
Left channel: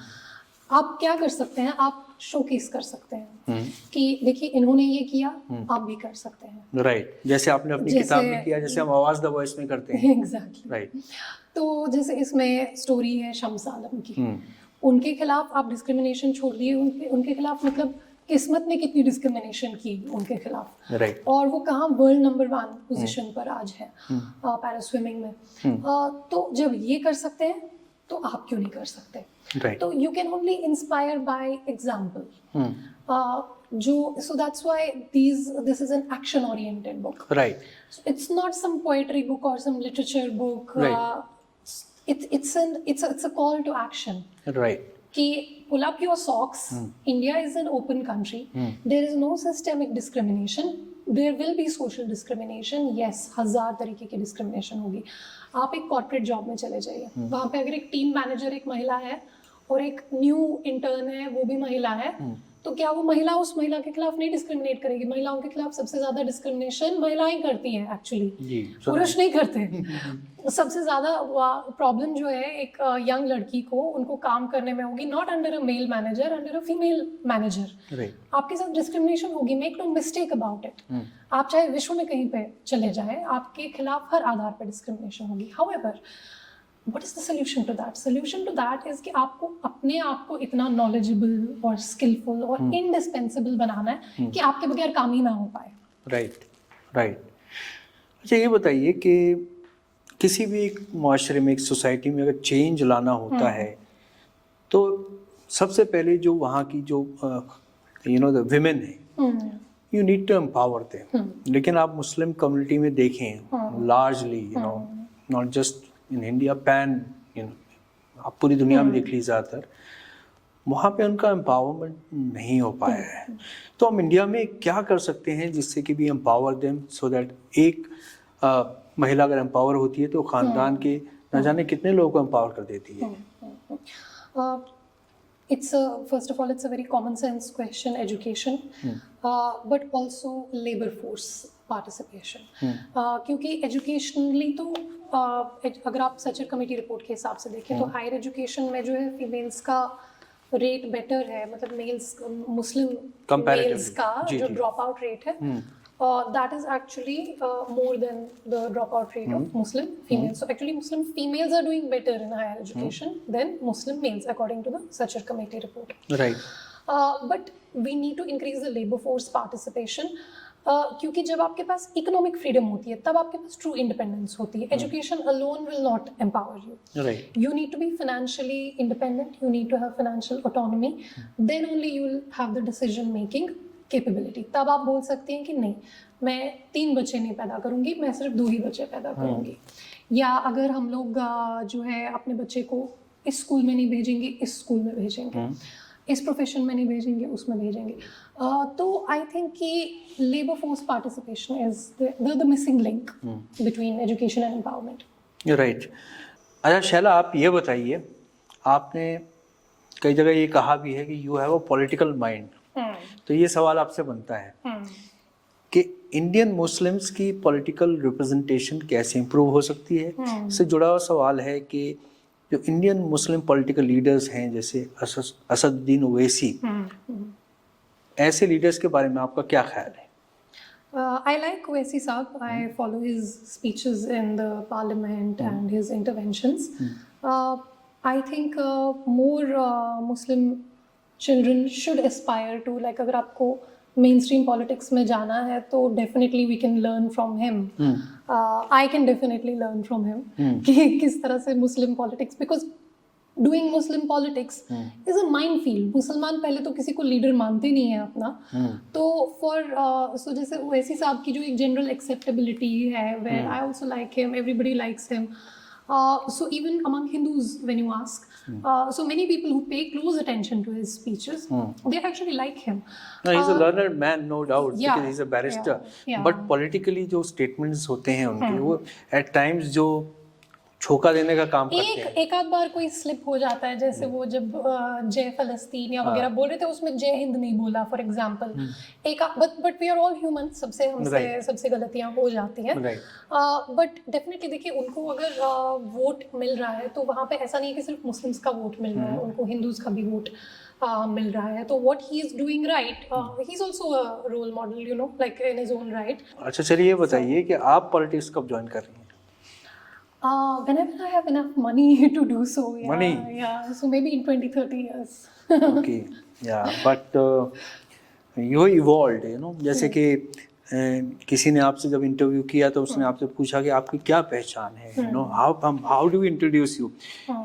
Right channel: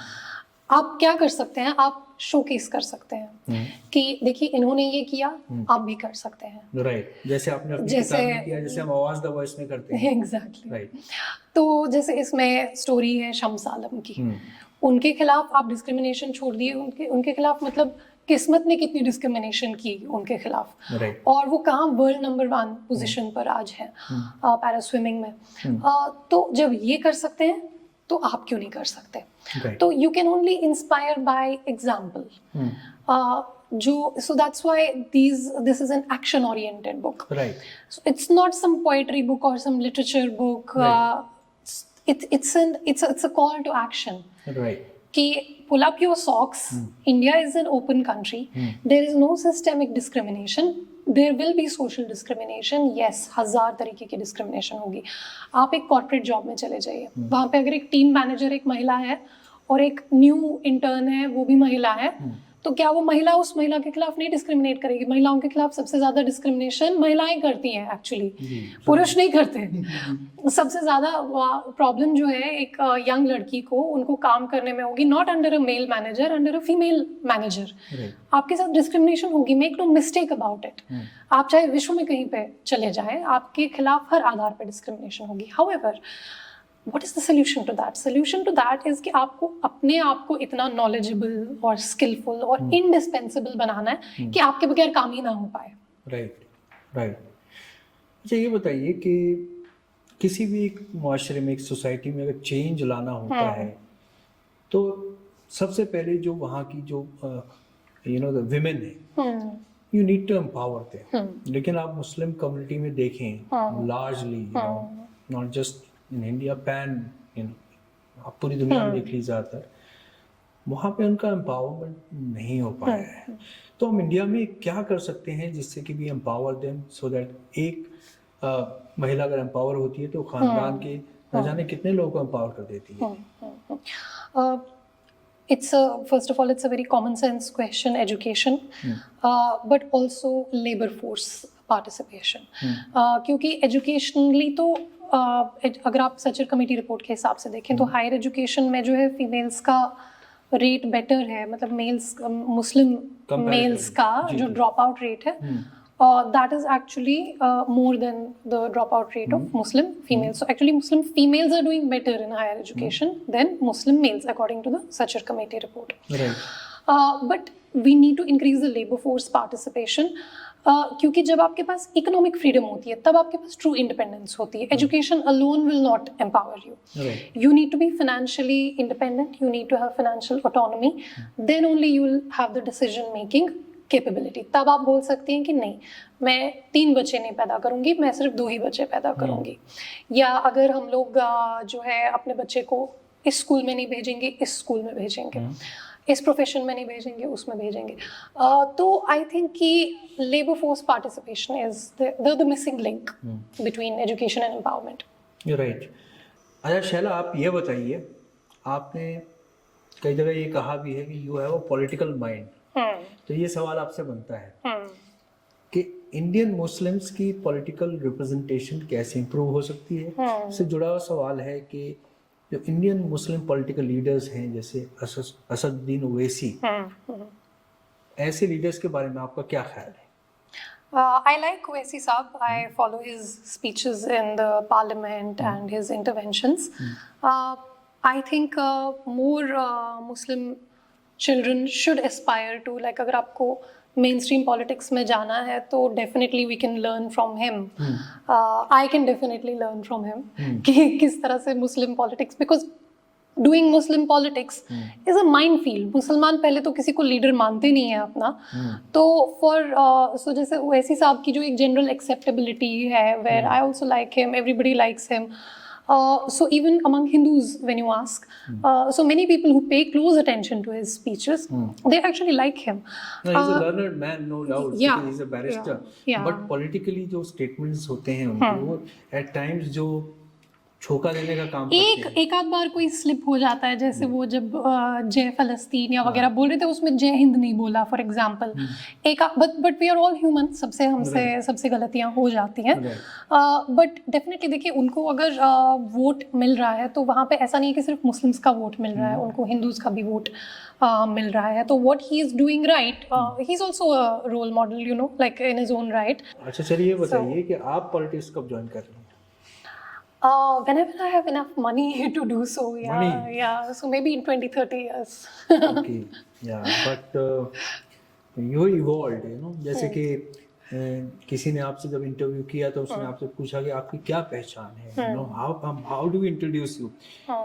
आप क्या कर सकते हैं, आप शोकेस कर सकते हैं कि देखिए इन्होंने ये किया, आप भी कर सकते हैं. राइट, जैसे आपने अपनी किताब में किया, जैसे हम आवाज द वॉइस में करते हैं. एग्जैक्टली. राइट. तो जैसे इसमें स्टोरी है शम्स आलम की. उनके खिलाफ आप डिस्क्रिमिनेशन छोड़ दिए, उनके खिलाफ मतलब किस्मत ने कितनी डिस्क्रिमिनेशन की उनके खिलाफ. right. और वो कहाँ वर्ल्ड नंबर 1 पोजीशन पर आज है पैरा स्विमिंग में. तो जब ये कर सकते हैं तो आप क्यों नहीं कर सकते. right. तो you can only inspire by example. so that's why this is an action oriented book. Right. So it's not some poetry book or some literature book. Right. It's a call to action. Right. कि pull up your socks. India is an open country. There is no systemic discrimination. There will be social discrimination. Yes, 1000 तरीके की discrimination होगी. आप एक corporate job में चले जाइए, वहाँ पे अगर एक टीम मैनेजर एक महिला है और एक न्यू इंटर्न है वो भी महिला है, तो क्या वो महिला उस महिला के खिलाफ नहीं डिस्क्रिमिनेट करेगी. महिलाओं के खिलाफ सबसे ज्यादा डिस्क्रिमिनेशन महिलाएं करती हैं एक्चुअली, पुरुष नहीं करते. सबसे ज्यादा प्रॉब्लम जो है एक यंग लड़की को उनको काम करने में होगी, not under a male manager, under a female manager. आपके साथ डिस्क्रिमिनेशन होगी, make no mistake about it. आप चाहे विश्व में कहीं पे चले जाएं, आपके खिलाफ हर आधार पर डिस्क्रिमिनेशन होगी. However, what is the solution to that? Solution to that is कि आपको अपने आप को इतना knowledgeable और skillful और indispensable बनाना है कि आपके बगैर काम ही ना हो पाए. राइट. अच्छा, ये बताइए कि किसी भी एक माशरे में, एक सोसाइटी में अगर चेंज लाना होता है तो सबसे पहले जो वहाँ की जो द विमेन है, you need to empower them. लेकिन आप मुस्लिम कम्युनिटी में देखें, largely not just in India, pan आप पूरी दुनिया में देख लीजिए, ज़्यादातर वहाँ पे उनका एम्पावरमेंट नहीं हो पाया है. तो हम इंडिया में क्या कर सकते हैं जिससे कि भी एम्पावर देम, सो दैट एक महिला अगर एम्पावर होती है तो खानदान के न जाने कितने लोगों को एम्पावर कर देती है. First of all, it's a very common sense question, education, but also labor force participation. क्योंकि educationally तो अगर आप सचर कमेटी रिपोर्ट के हिसाब से देखें तो हायर एजुकेशन में जो है फीमेल्स का रेट बेटर है, मतलब मेल्स, मुस्लिम मेल्स का जो ड्रॉप आउट रेट है, that is actually more than the drop out rate of Muslim females. So actually Muslim females are doing better in higher education than Muslim males according to the Sachar committee report. But we need to increase the labour force participation. क्योंकि जब आपके पास economic freedom होती है तब आपके पास true independence होती है. Education alone will not empower you. You need to be financially independent, you need to have financial autonomy, then only you will have the decision making capability. तब आप बोल सकते हैं कि नहीं, मैं 3 बच्चे नहीं पैदा करूंगी, मैं सिर्फ 2 ही बच्चे पैदा करूंगी. या अगर हम लोग जो है अपने बच्चे को इस स्कूल में नहीं भेजेंगे, इस स्कूल में भेजेंगे, इस प्रोफेशन में नहीं भेजेंगे, उसमें भेजेंगे. तो आई थिंक कि labour force participation is the missing link between education and empowerment. Right. अच्छा शैला, आप ये बताइए, आपने कई जगह ये कहा भी है कि you have a political mind. तो ये सवाल आपसे बनता है कि इंडियन मुस्लिम्स की पॉलिटिकल रिप्रेजेंटेशन कैसे इम्प्रूव हो सकती है. इससे जुड़ा हुआ सवाल है कि जो इंडियन मुस्लिम पॉलिटिकल लीडर्स हैं जैसे असदुद्दीन ओवैसी, ऐसे लीडर्स के बारे में आपका क्या ख्याल है? I like Owaisi Saab. I follow his speeches in the parliament and his interventions. I think more Muslim children should aspire to, like, अगर आपको mainstream politics में जाना है तो definitely we can learn from him. I can definitely learn from him कि किस तरह से Muslim politics, because doing Muslim politics is a minefield. मुसलमान पहले तो किसी को लीडर मानते नहीं है अपना, तो so जैसे ओवैसी साहब की जो एक general acceptability है, where I also like him, everybody likes him. So even among Hindus, when you ask, so many people who pay close attention to his speeches, they actually like him. No, he's a learned man, no doubt, yeah, because he's a barrister. yeah. But politically जो statements होते हैं उनके, वो at times जो छोका देने का काम करते हैं. एक आध बार कोई स्लिप हो जाता है, जैसे वो जब जय फलस्तीन या वगैरह बोल रहे थे, उसमें जय हिंद नहीं बोला for example. But we are all human, सबसे गलतियां हो जाती हैं. बट डेफिनेटली देखिए, उनको अगर वोट मिल रहा है तो वहाँ पे ऐसा नहीं है कि सिर्फ मुस्लिम्स का वोट मिल रहा है, उनको हिंदूज का भी वोट मिल रहा है. तो what he is doing right, he is also a role model, you know, like in his own right. अच्छा चलिए ये बताइए कि आप पॉलिटिक्स कब ज्वाइन कर रहे हैं? Whenever I have enough money to do so, yeah. Money? Yeah, so maybe in 20-30 years. Okay, yeah, but you evolved, you know, जैसे कि किसी ने आपसे जब इंटरव्यू किया तो उसने आपसे पूछा कि आपकी क्या पहचान है, you know, how do we introduce you?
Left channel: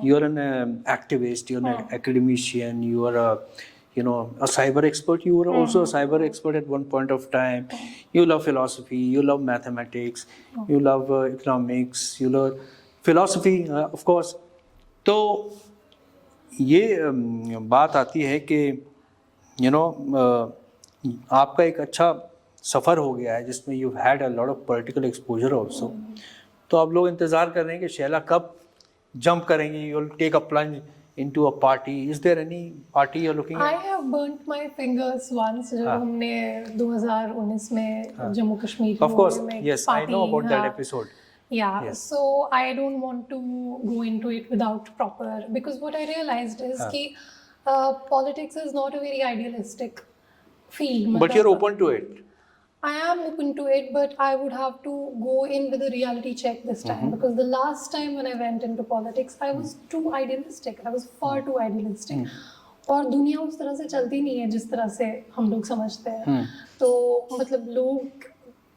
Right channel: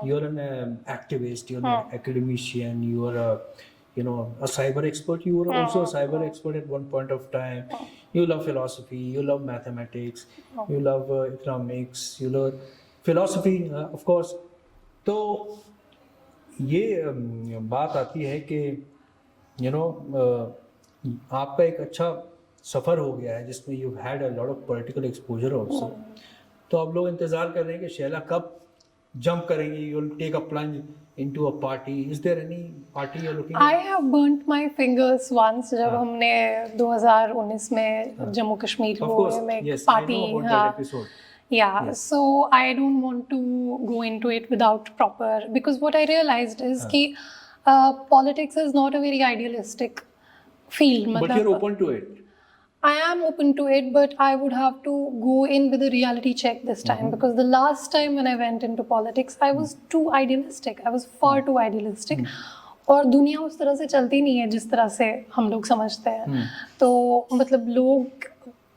You are an activist, you are an academician, you are a cyber expert. You were also a cyber expert at one point of time. You love philosophy, you love mathematics, you love economics, you love philosophy, of course. तो ये बात आती है कि आपका एक अच्छा सफ़र हो गया है जिसमें you had a lot of political exposure also. तो अब लोग इंतज़ार कर रहे हैं कि शैला कब जंप करेंगी, you will take a plunge into a party. Is there any party you're looking at? I have burnt my fingers once जब हमने 2019 में जम्मू कश्मीर में yes, party. I know about that episode. Yeah, yes. So I don't want to go into it without proper, because what I realized is कि politics is not a very idealistic field. But you're open to it. I am open to it, but I would have to go in with a reality check this time, because the last time when I went into politics, I was too idealistic. I was far too idealistic. और दुनिया उस तरह से चलती नहीं है जिस तरह से हम लोग समझते हैं. तो मतलब लोग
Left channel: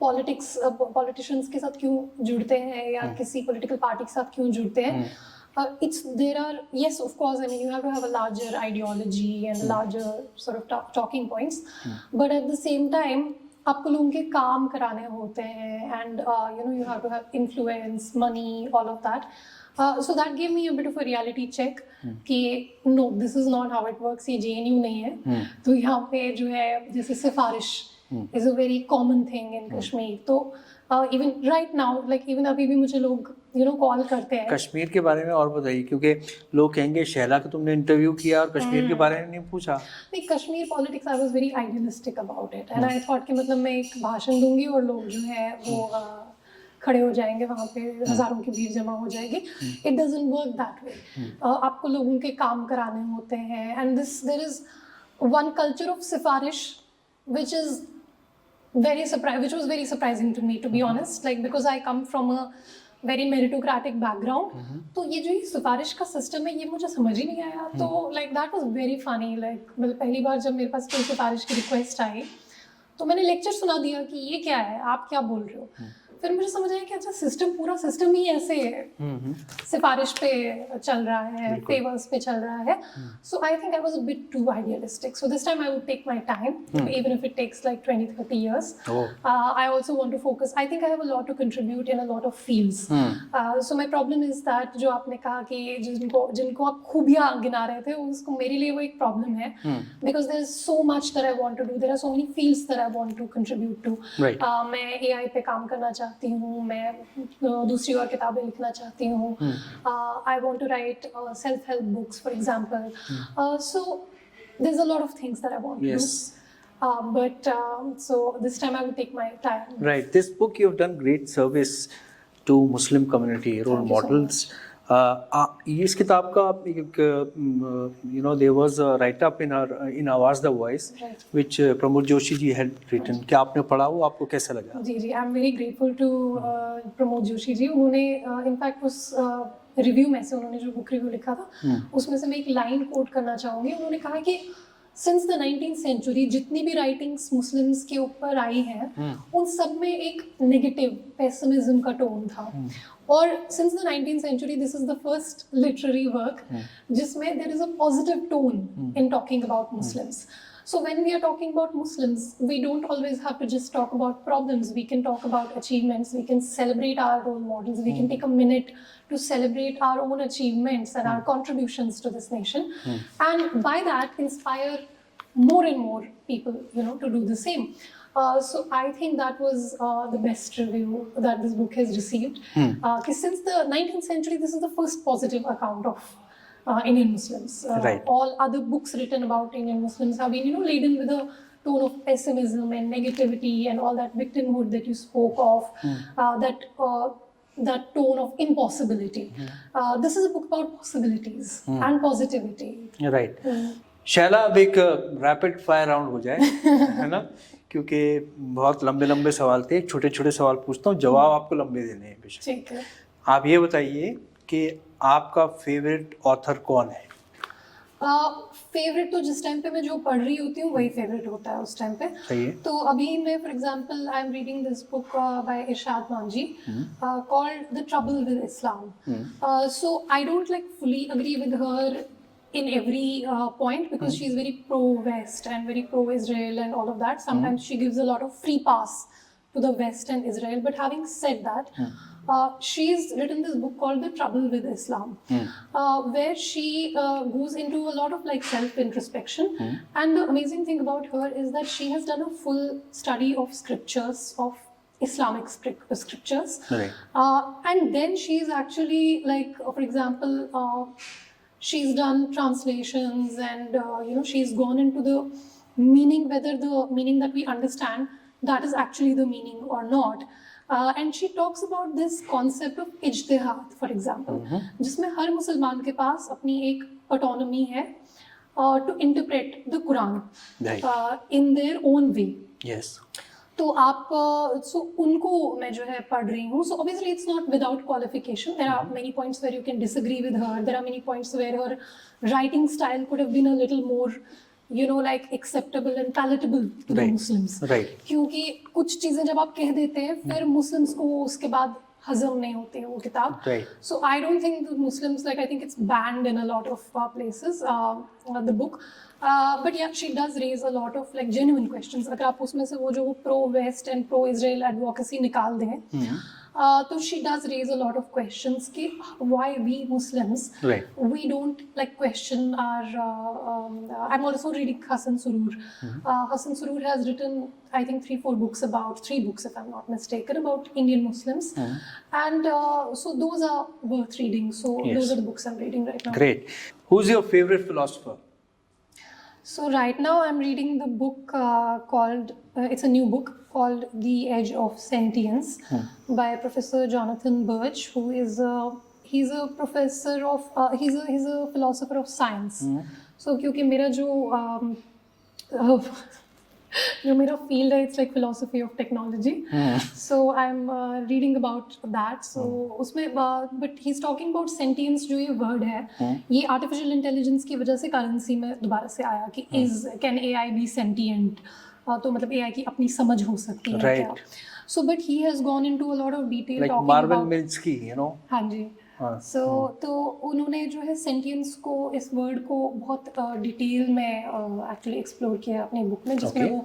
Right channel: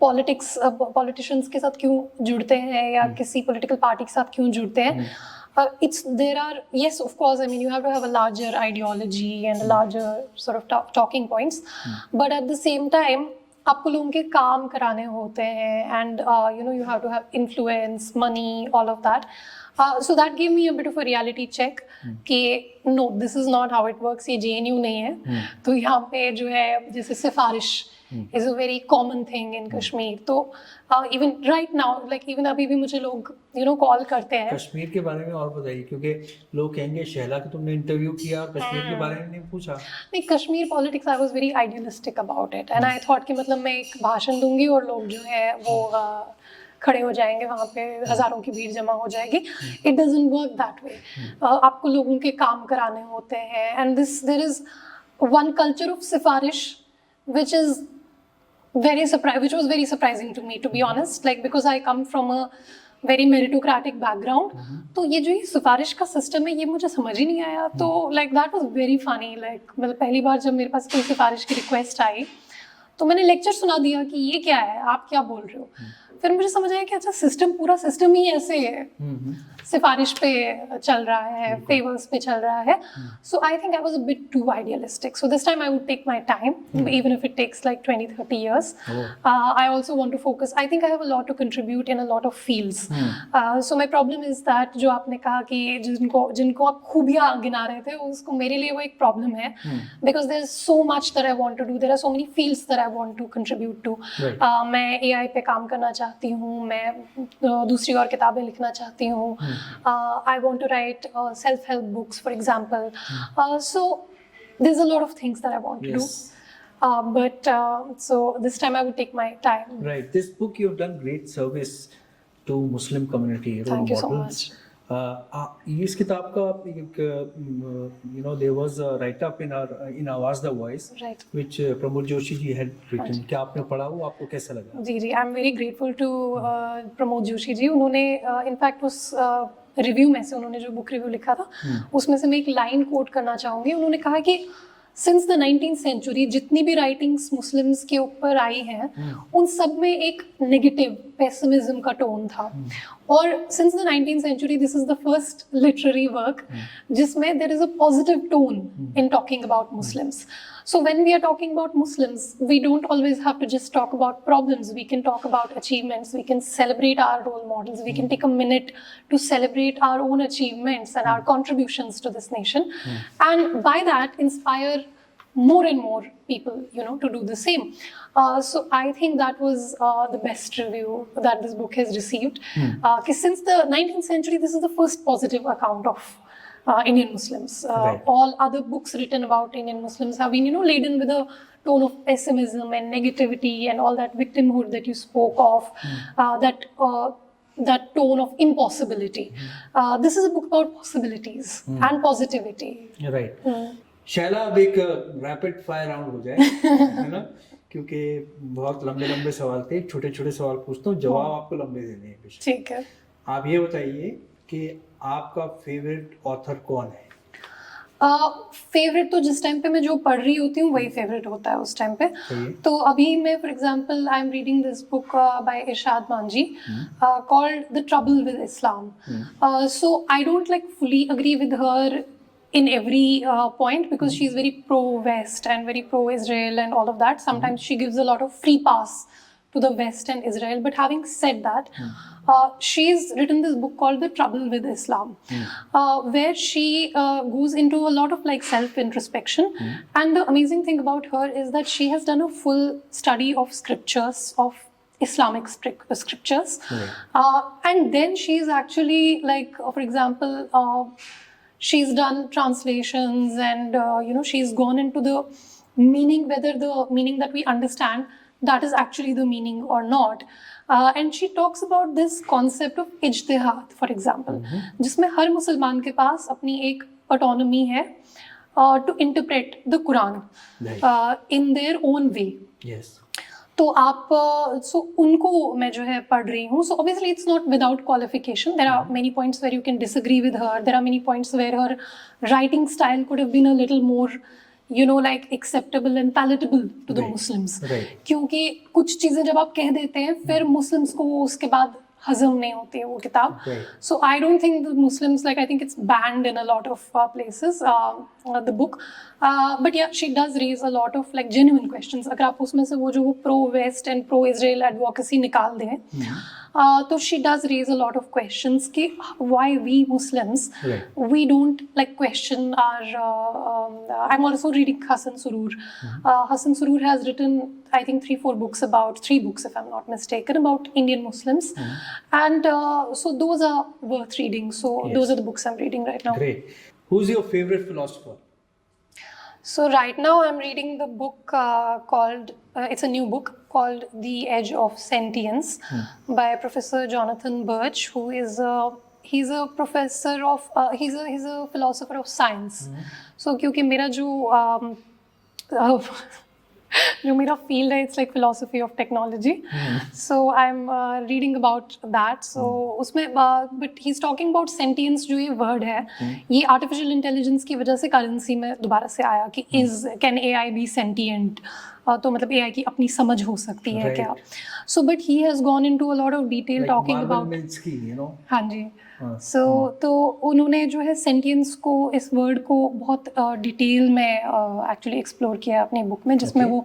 पॉलिटिशियंस के साथ क्यों जुड़ते हैं या किसी पॉलिटिकल पार्टी के साथ क्यों जुड़ते हैं? Yes, of course, I mean, you have to have a larger ideology and a larger sort of talking points, but at the same time, आपको लोगों के काम कराने होते हैं, and you have to have influence, money, all of that. So that gave me a bit of a reality check कि no, this is not how it works. ये JNU नहीं है. तो यहाँ पे जो है जैसे सिफारिश is a very common thing in Kashmir. तो even right now, like even अभी भी मुझे लोग कॉल करते हैं. कश्मीर के बारे में और बताइए, क्योंकि लोग कहेंगे शैला को तुमने इंटरव्यू किया और कश्मीर के बारे में नहीं पूछा. नहीं, Kashmir politics I was very idealistic about it, and I thought कि मतलब मैं एक भाषण दूंगी और लोग जो है वो खड़े हो जाएंगे, वहाँ पे हज़ारों की भीड़ जमा हो जाएगी. It doesn't work that way. आपको लोगों के काम कराने होते हैं, and there is one culture of sifarish which was very surprising to me, to be honest, like because I come from a very meritocratic background. तो ये जो सिफारिश का सिस्टम है ये मुझे समझ ही नहीं आया. तो like that was very funny. like मतलब पहली बार जब मेरे पास कोई सिफारिश की रिक्वेस्ट आई तो मैंने लेक्चर सुना दिया कि ये क्या है, आप क्या बोल रहे हो. फिर मुझे समझ आया कि अच्छा पूरा सिस्टम ही ऐसे है, सिफारिश पे चल रहा है, फेवर्स पे चल रहा है. So I think I was a bit too idealistic. So this time I would take my time, even if it takes like 20-30 years. I also want to focus. I think I have a lot to contribute in a lot of fields. So my problem is that जो आपने कहा कि जिनको आप खूबियाँ गिना रहे थे, उसको मेरे लिए वो एक प्रॉब्लम है, because there is so much that I want to do. There are so many fields that I want to contribute to. मैं AI पे काम करना चाहती हूँ, मैं दूसरी और किताबें लिखना चाहती हूँ. I want to write self-help books, for example. So there's a lot of things that I want to do. But so this time I will take my time. Right. This book you've done great service to Muslim community, role models. इस किताब का there was a write up in Awaaz the Voice, right, which Pramod Joshi ji had written. क्या आपने पढ़ा, वो आपको कैसा लगा? जी, I'm very grateful to Pramod Joshi ji. उन्होंने in fact उस रिव्यू में से, उन्होंने जो बुक रिव्यू लिखा था उसमें से मैं एक लाइन कोट करना चाहूँगी। उन्होंने कहा कि सिंस द 19th सेंचुरी जितनी भी राइटिंग्स मुस्लिम्स के ऊपर आई हैं उन सब में एक नेगेटिव पेसिमिज्म का टोन था। और since the 19th century this is the first literary work जिसमें there is a positive tone in talking about Muslims. So when we are talking about Muslims, we don't always have to just talk about problems. We can talk about achievements. We can celebrate our role models. We can take a minute to celebrate our own achievements and our contributions to this nation. And by that, inspire more and more people, to do the same. So I think that was the best review that this book has received. Because since the 19th century, this is the first positive account of Indian Muslims. Right. All other books written about Indian Muslims have been, laden with a tone of pessimism and negativity and all that victimhood that you spoke of, that tone of impossibility. This is a book about possibilities and positivity. Right. Shaila, अब एक rapid fire round हो जाए, है ना, क्योंकि बहुत लंबे लंबे सवाल थे, छोटे छोटे सवाल पूछता हूँ, जवाब आपको लंबे देने हैं बेशक। ठीक है। आप ये बताइए कि आपका फेवरेट ऑथर कौन है? फेवरेट तो जिस टाइम पे मैं जो पढ़ रही होती हूँ वही फेवरेट होता है उस टाइम पे। सही है। तो अभी मैं for example I am reading this book by Irshad Manjhi called the trouble with Islam. So I don't like fully agree with her in every point because she's very pro-West and very pro-Israel and all of that. Sometimes she gives a lot of free pass to the West and Israel. But having said that, she's written this book called The Trouble with Islam, where she goes into a lot of like self-introspection. And the amazing thing about her is that she has done a full study of scriptures, of Islamic scriptures. Right. And then she's actually like, for example, she's done translations and she's gone into the meaning, whether the meaning that we understand that is actually the meaning or not. And she talks about this concept of ijtihad, for example, जिसमें हर मुसलमान के पास अपनी एक autonomy है to interpret the Quran in their own way. Yes. तो आप सो उनको मैं जो है पढ़ रही हूँ. So obviously it's not without qualification. There are many points where you can disagree with her. There are many points where her writing style could have been a little more, like acceptable and palatable to the Muslims. Right. क्योंकि कुछ चीजें जब आप कह देते हैं फिर Muslims को वो उसके बाद हजम नहीं होती है वो किताब. Right. So I don't think the Muslims, I think it's banned in a lot of places, the book. But yeah, she does raise a lot of genuine questions. अगर आप उसमें से वो जो pro-West and pro-Israel advocacy निकाल दें, तो she does raise a lot of questions कि why we Muslims, we don't question our, I'm also reading Hasan Surur. Hasan Surur has written, I think 3-4 books three books if I'm not mistaken, about Indian Muslims. And so those are worth reading. So those are the books I'm reading right now. Great. Who's your favorite philosopher? So right now I'm reading the book called, it's a new book called The Edge of Sentience by Professor Jonathan Birch, who is he's a professor of, he's a philosopher of science. So क्योंकि मेरा जो मेरा field है, it's like philosophy of technology. So I'm reading about that. So उसमें but he's talking about sentience, जो ये word है, ये artificial intelligence की वजह से currency में दोबारा से आया कि can AI be sentient? तो मतलब AI की अपनी समझ हो सकती है क्या? So but he has gone into a lot of detail talking Marvel about Minsky, हाँ जी. So तो उन्होंने जो है sentience को, इस word को बहुत डिटेल में actually explore किया है अपनी बुक में, जिसमें वो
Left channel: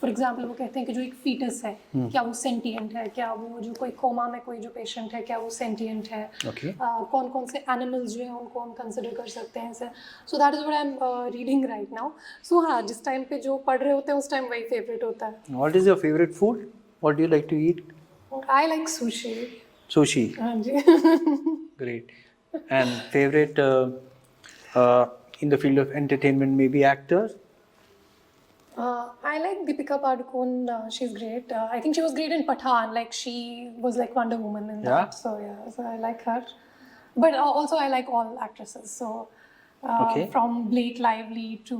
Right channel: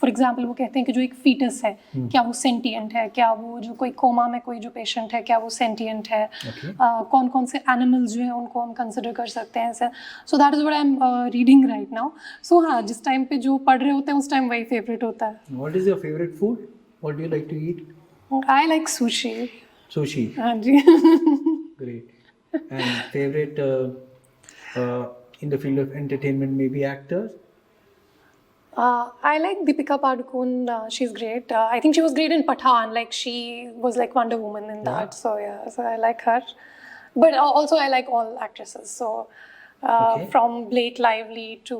फॉर एग्जाम्पल वो कहते हैं कि जो एक फीटस है क्या वो सेंटिएंट है, क्या वो जो कोई कोमा में कोई जो पेशेंट है क्या वो सेंटिएंट है, कौन कौन से एनिमल्स जो हैं उनको हम कंसिडर कर सकते हैं. So that is what I am reading right now. So हाँ, जिस टाइम पे जो पढ़ रहे होते हैं उस टाइम वही फेवरेट होता है. What is your favourite food? What do you like to eat? I like sushi. Sushi. हाँ जी. Great. And favorite in the field of entertainment, maybe actors? I like Deepika Padukone. She's great. I think she was great in Pathaan. She was like Wonder Woman in that. So yeah, so I like her. But also I like all actresses. So from Blake Lively to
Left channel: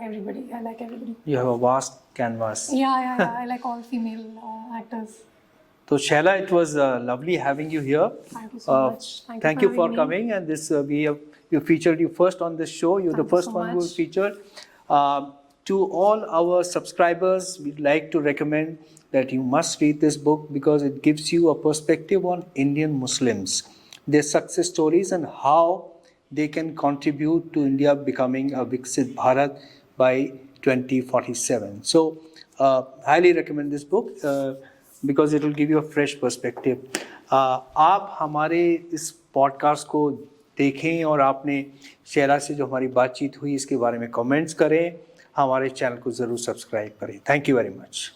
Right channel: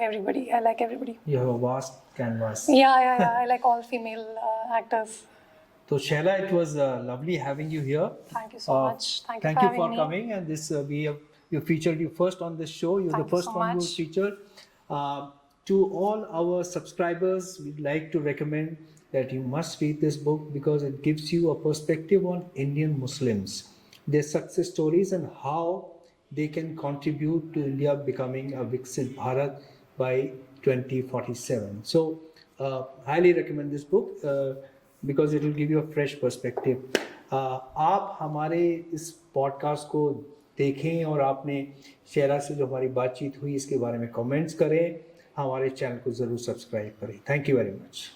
everybody, I like everybody. You have a vast canvas. Yeah. I like all female actors. तो Shaila, it was lovely having you here. Thank you so much. Thank you Thank for you for having me. coming, and this we featured you first on this show. You're the Thank you first so one who much. featured. To all our subscribers, we'd like to recommend that you must read this book because it gives you a perspective on Indian Muslims, their success stories, and how they can contribute to India becoming a Viksit Bharat by 2047. So, highly recommend this book because it will give you a fresh perspective. आप हमारे इस podcast को देखें और आपने शैला से जो हमारी बातचीत हुई इसके बारे में कमेंट्स करें, हमारे चैनल को ज़रूर सब्सक्राइब करें. Thank you very much.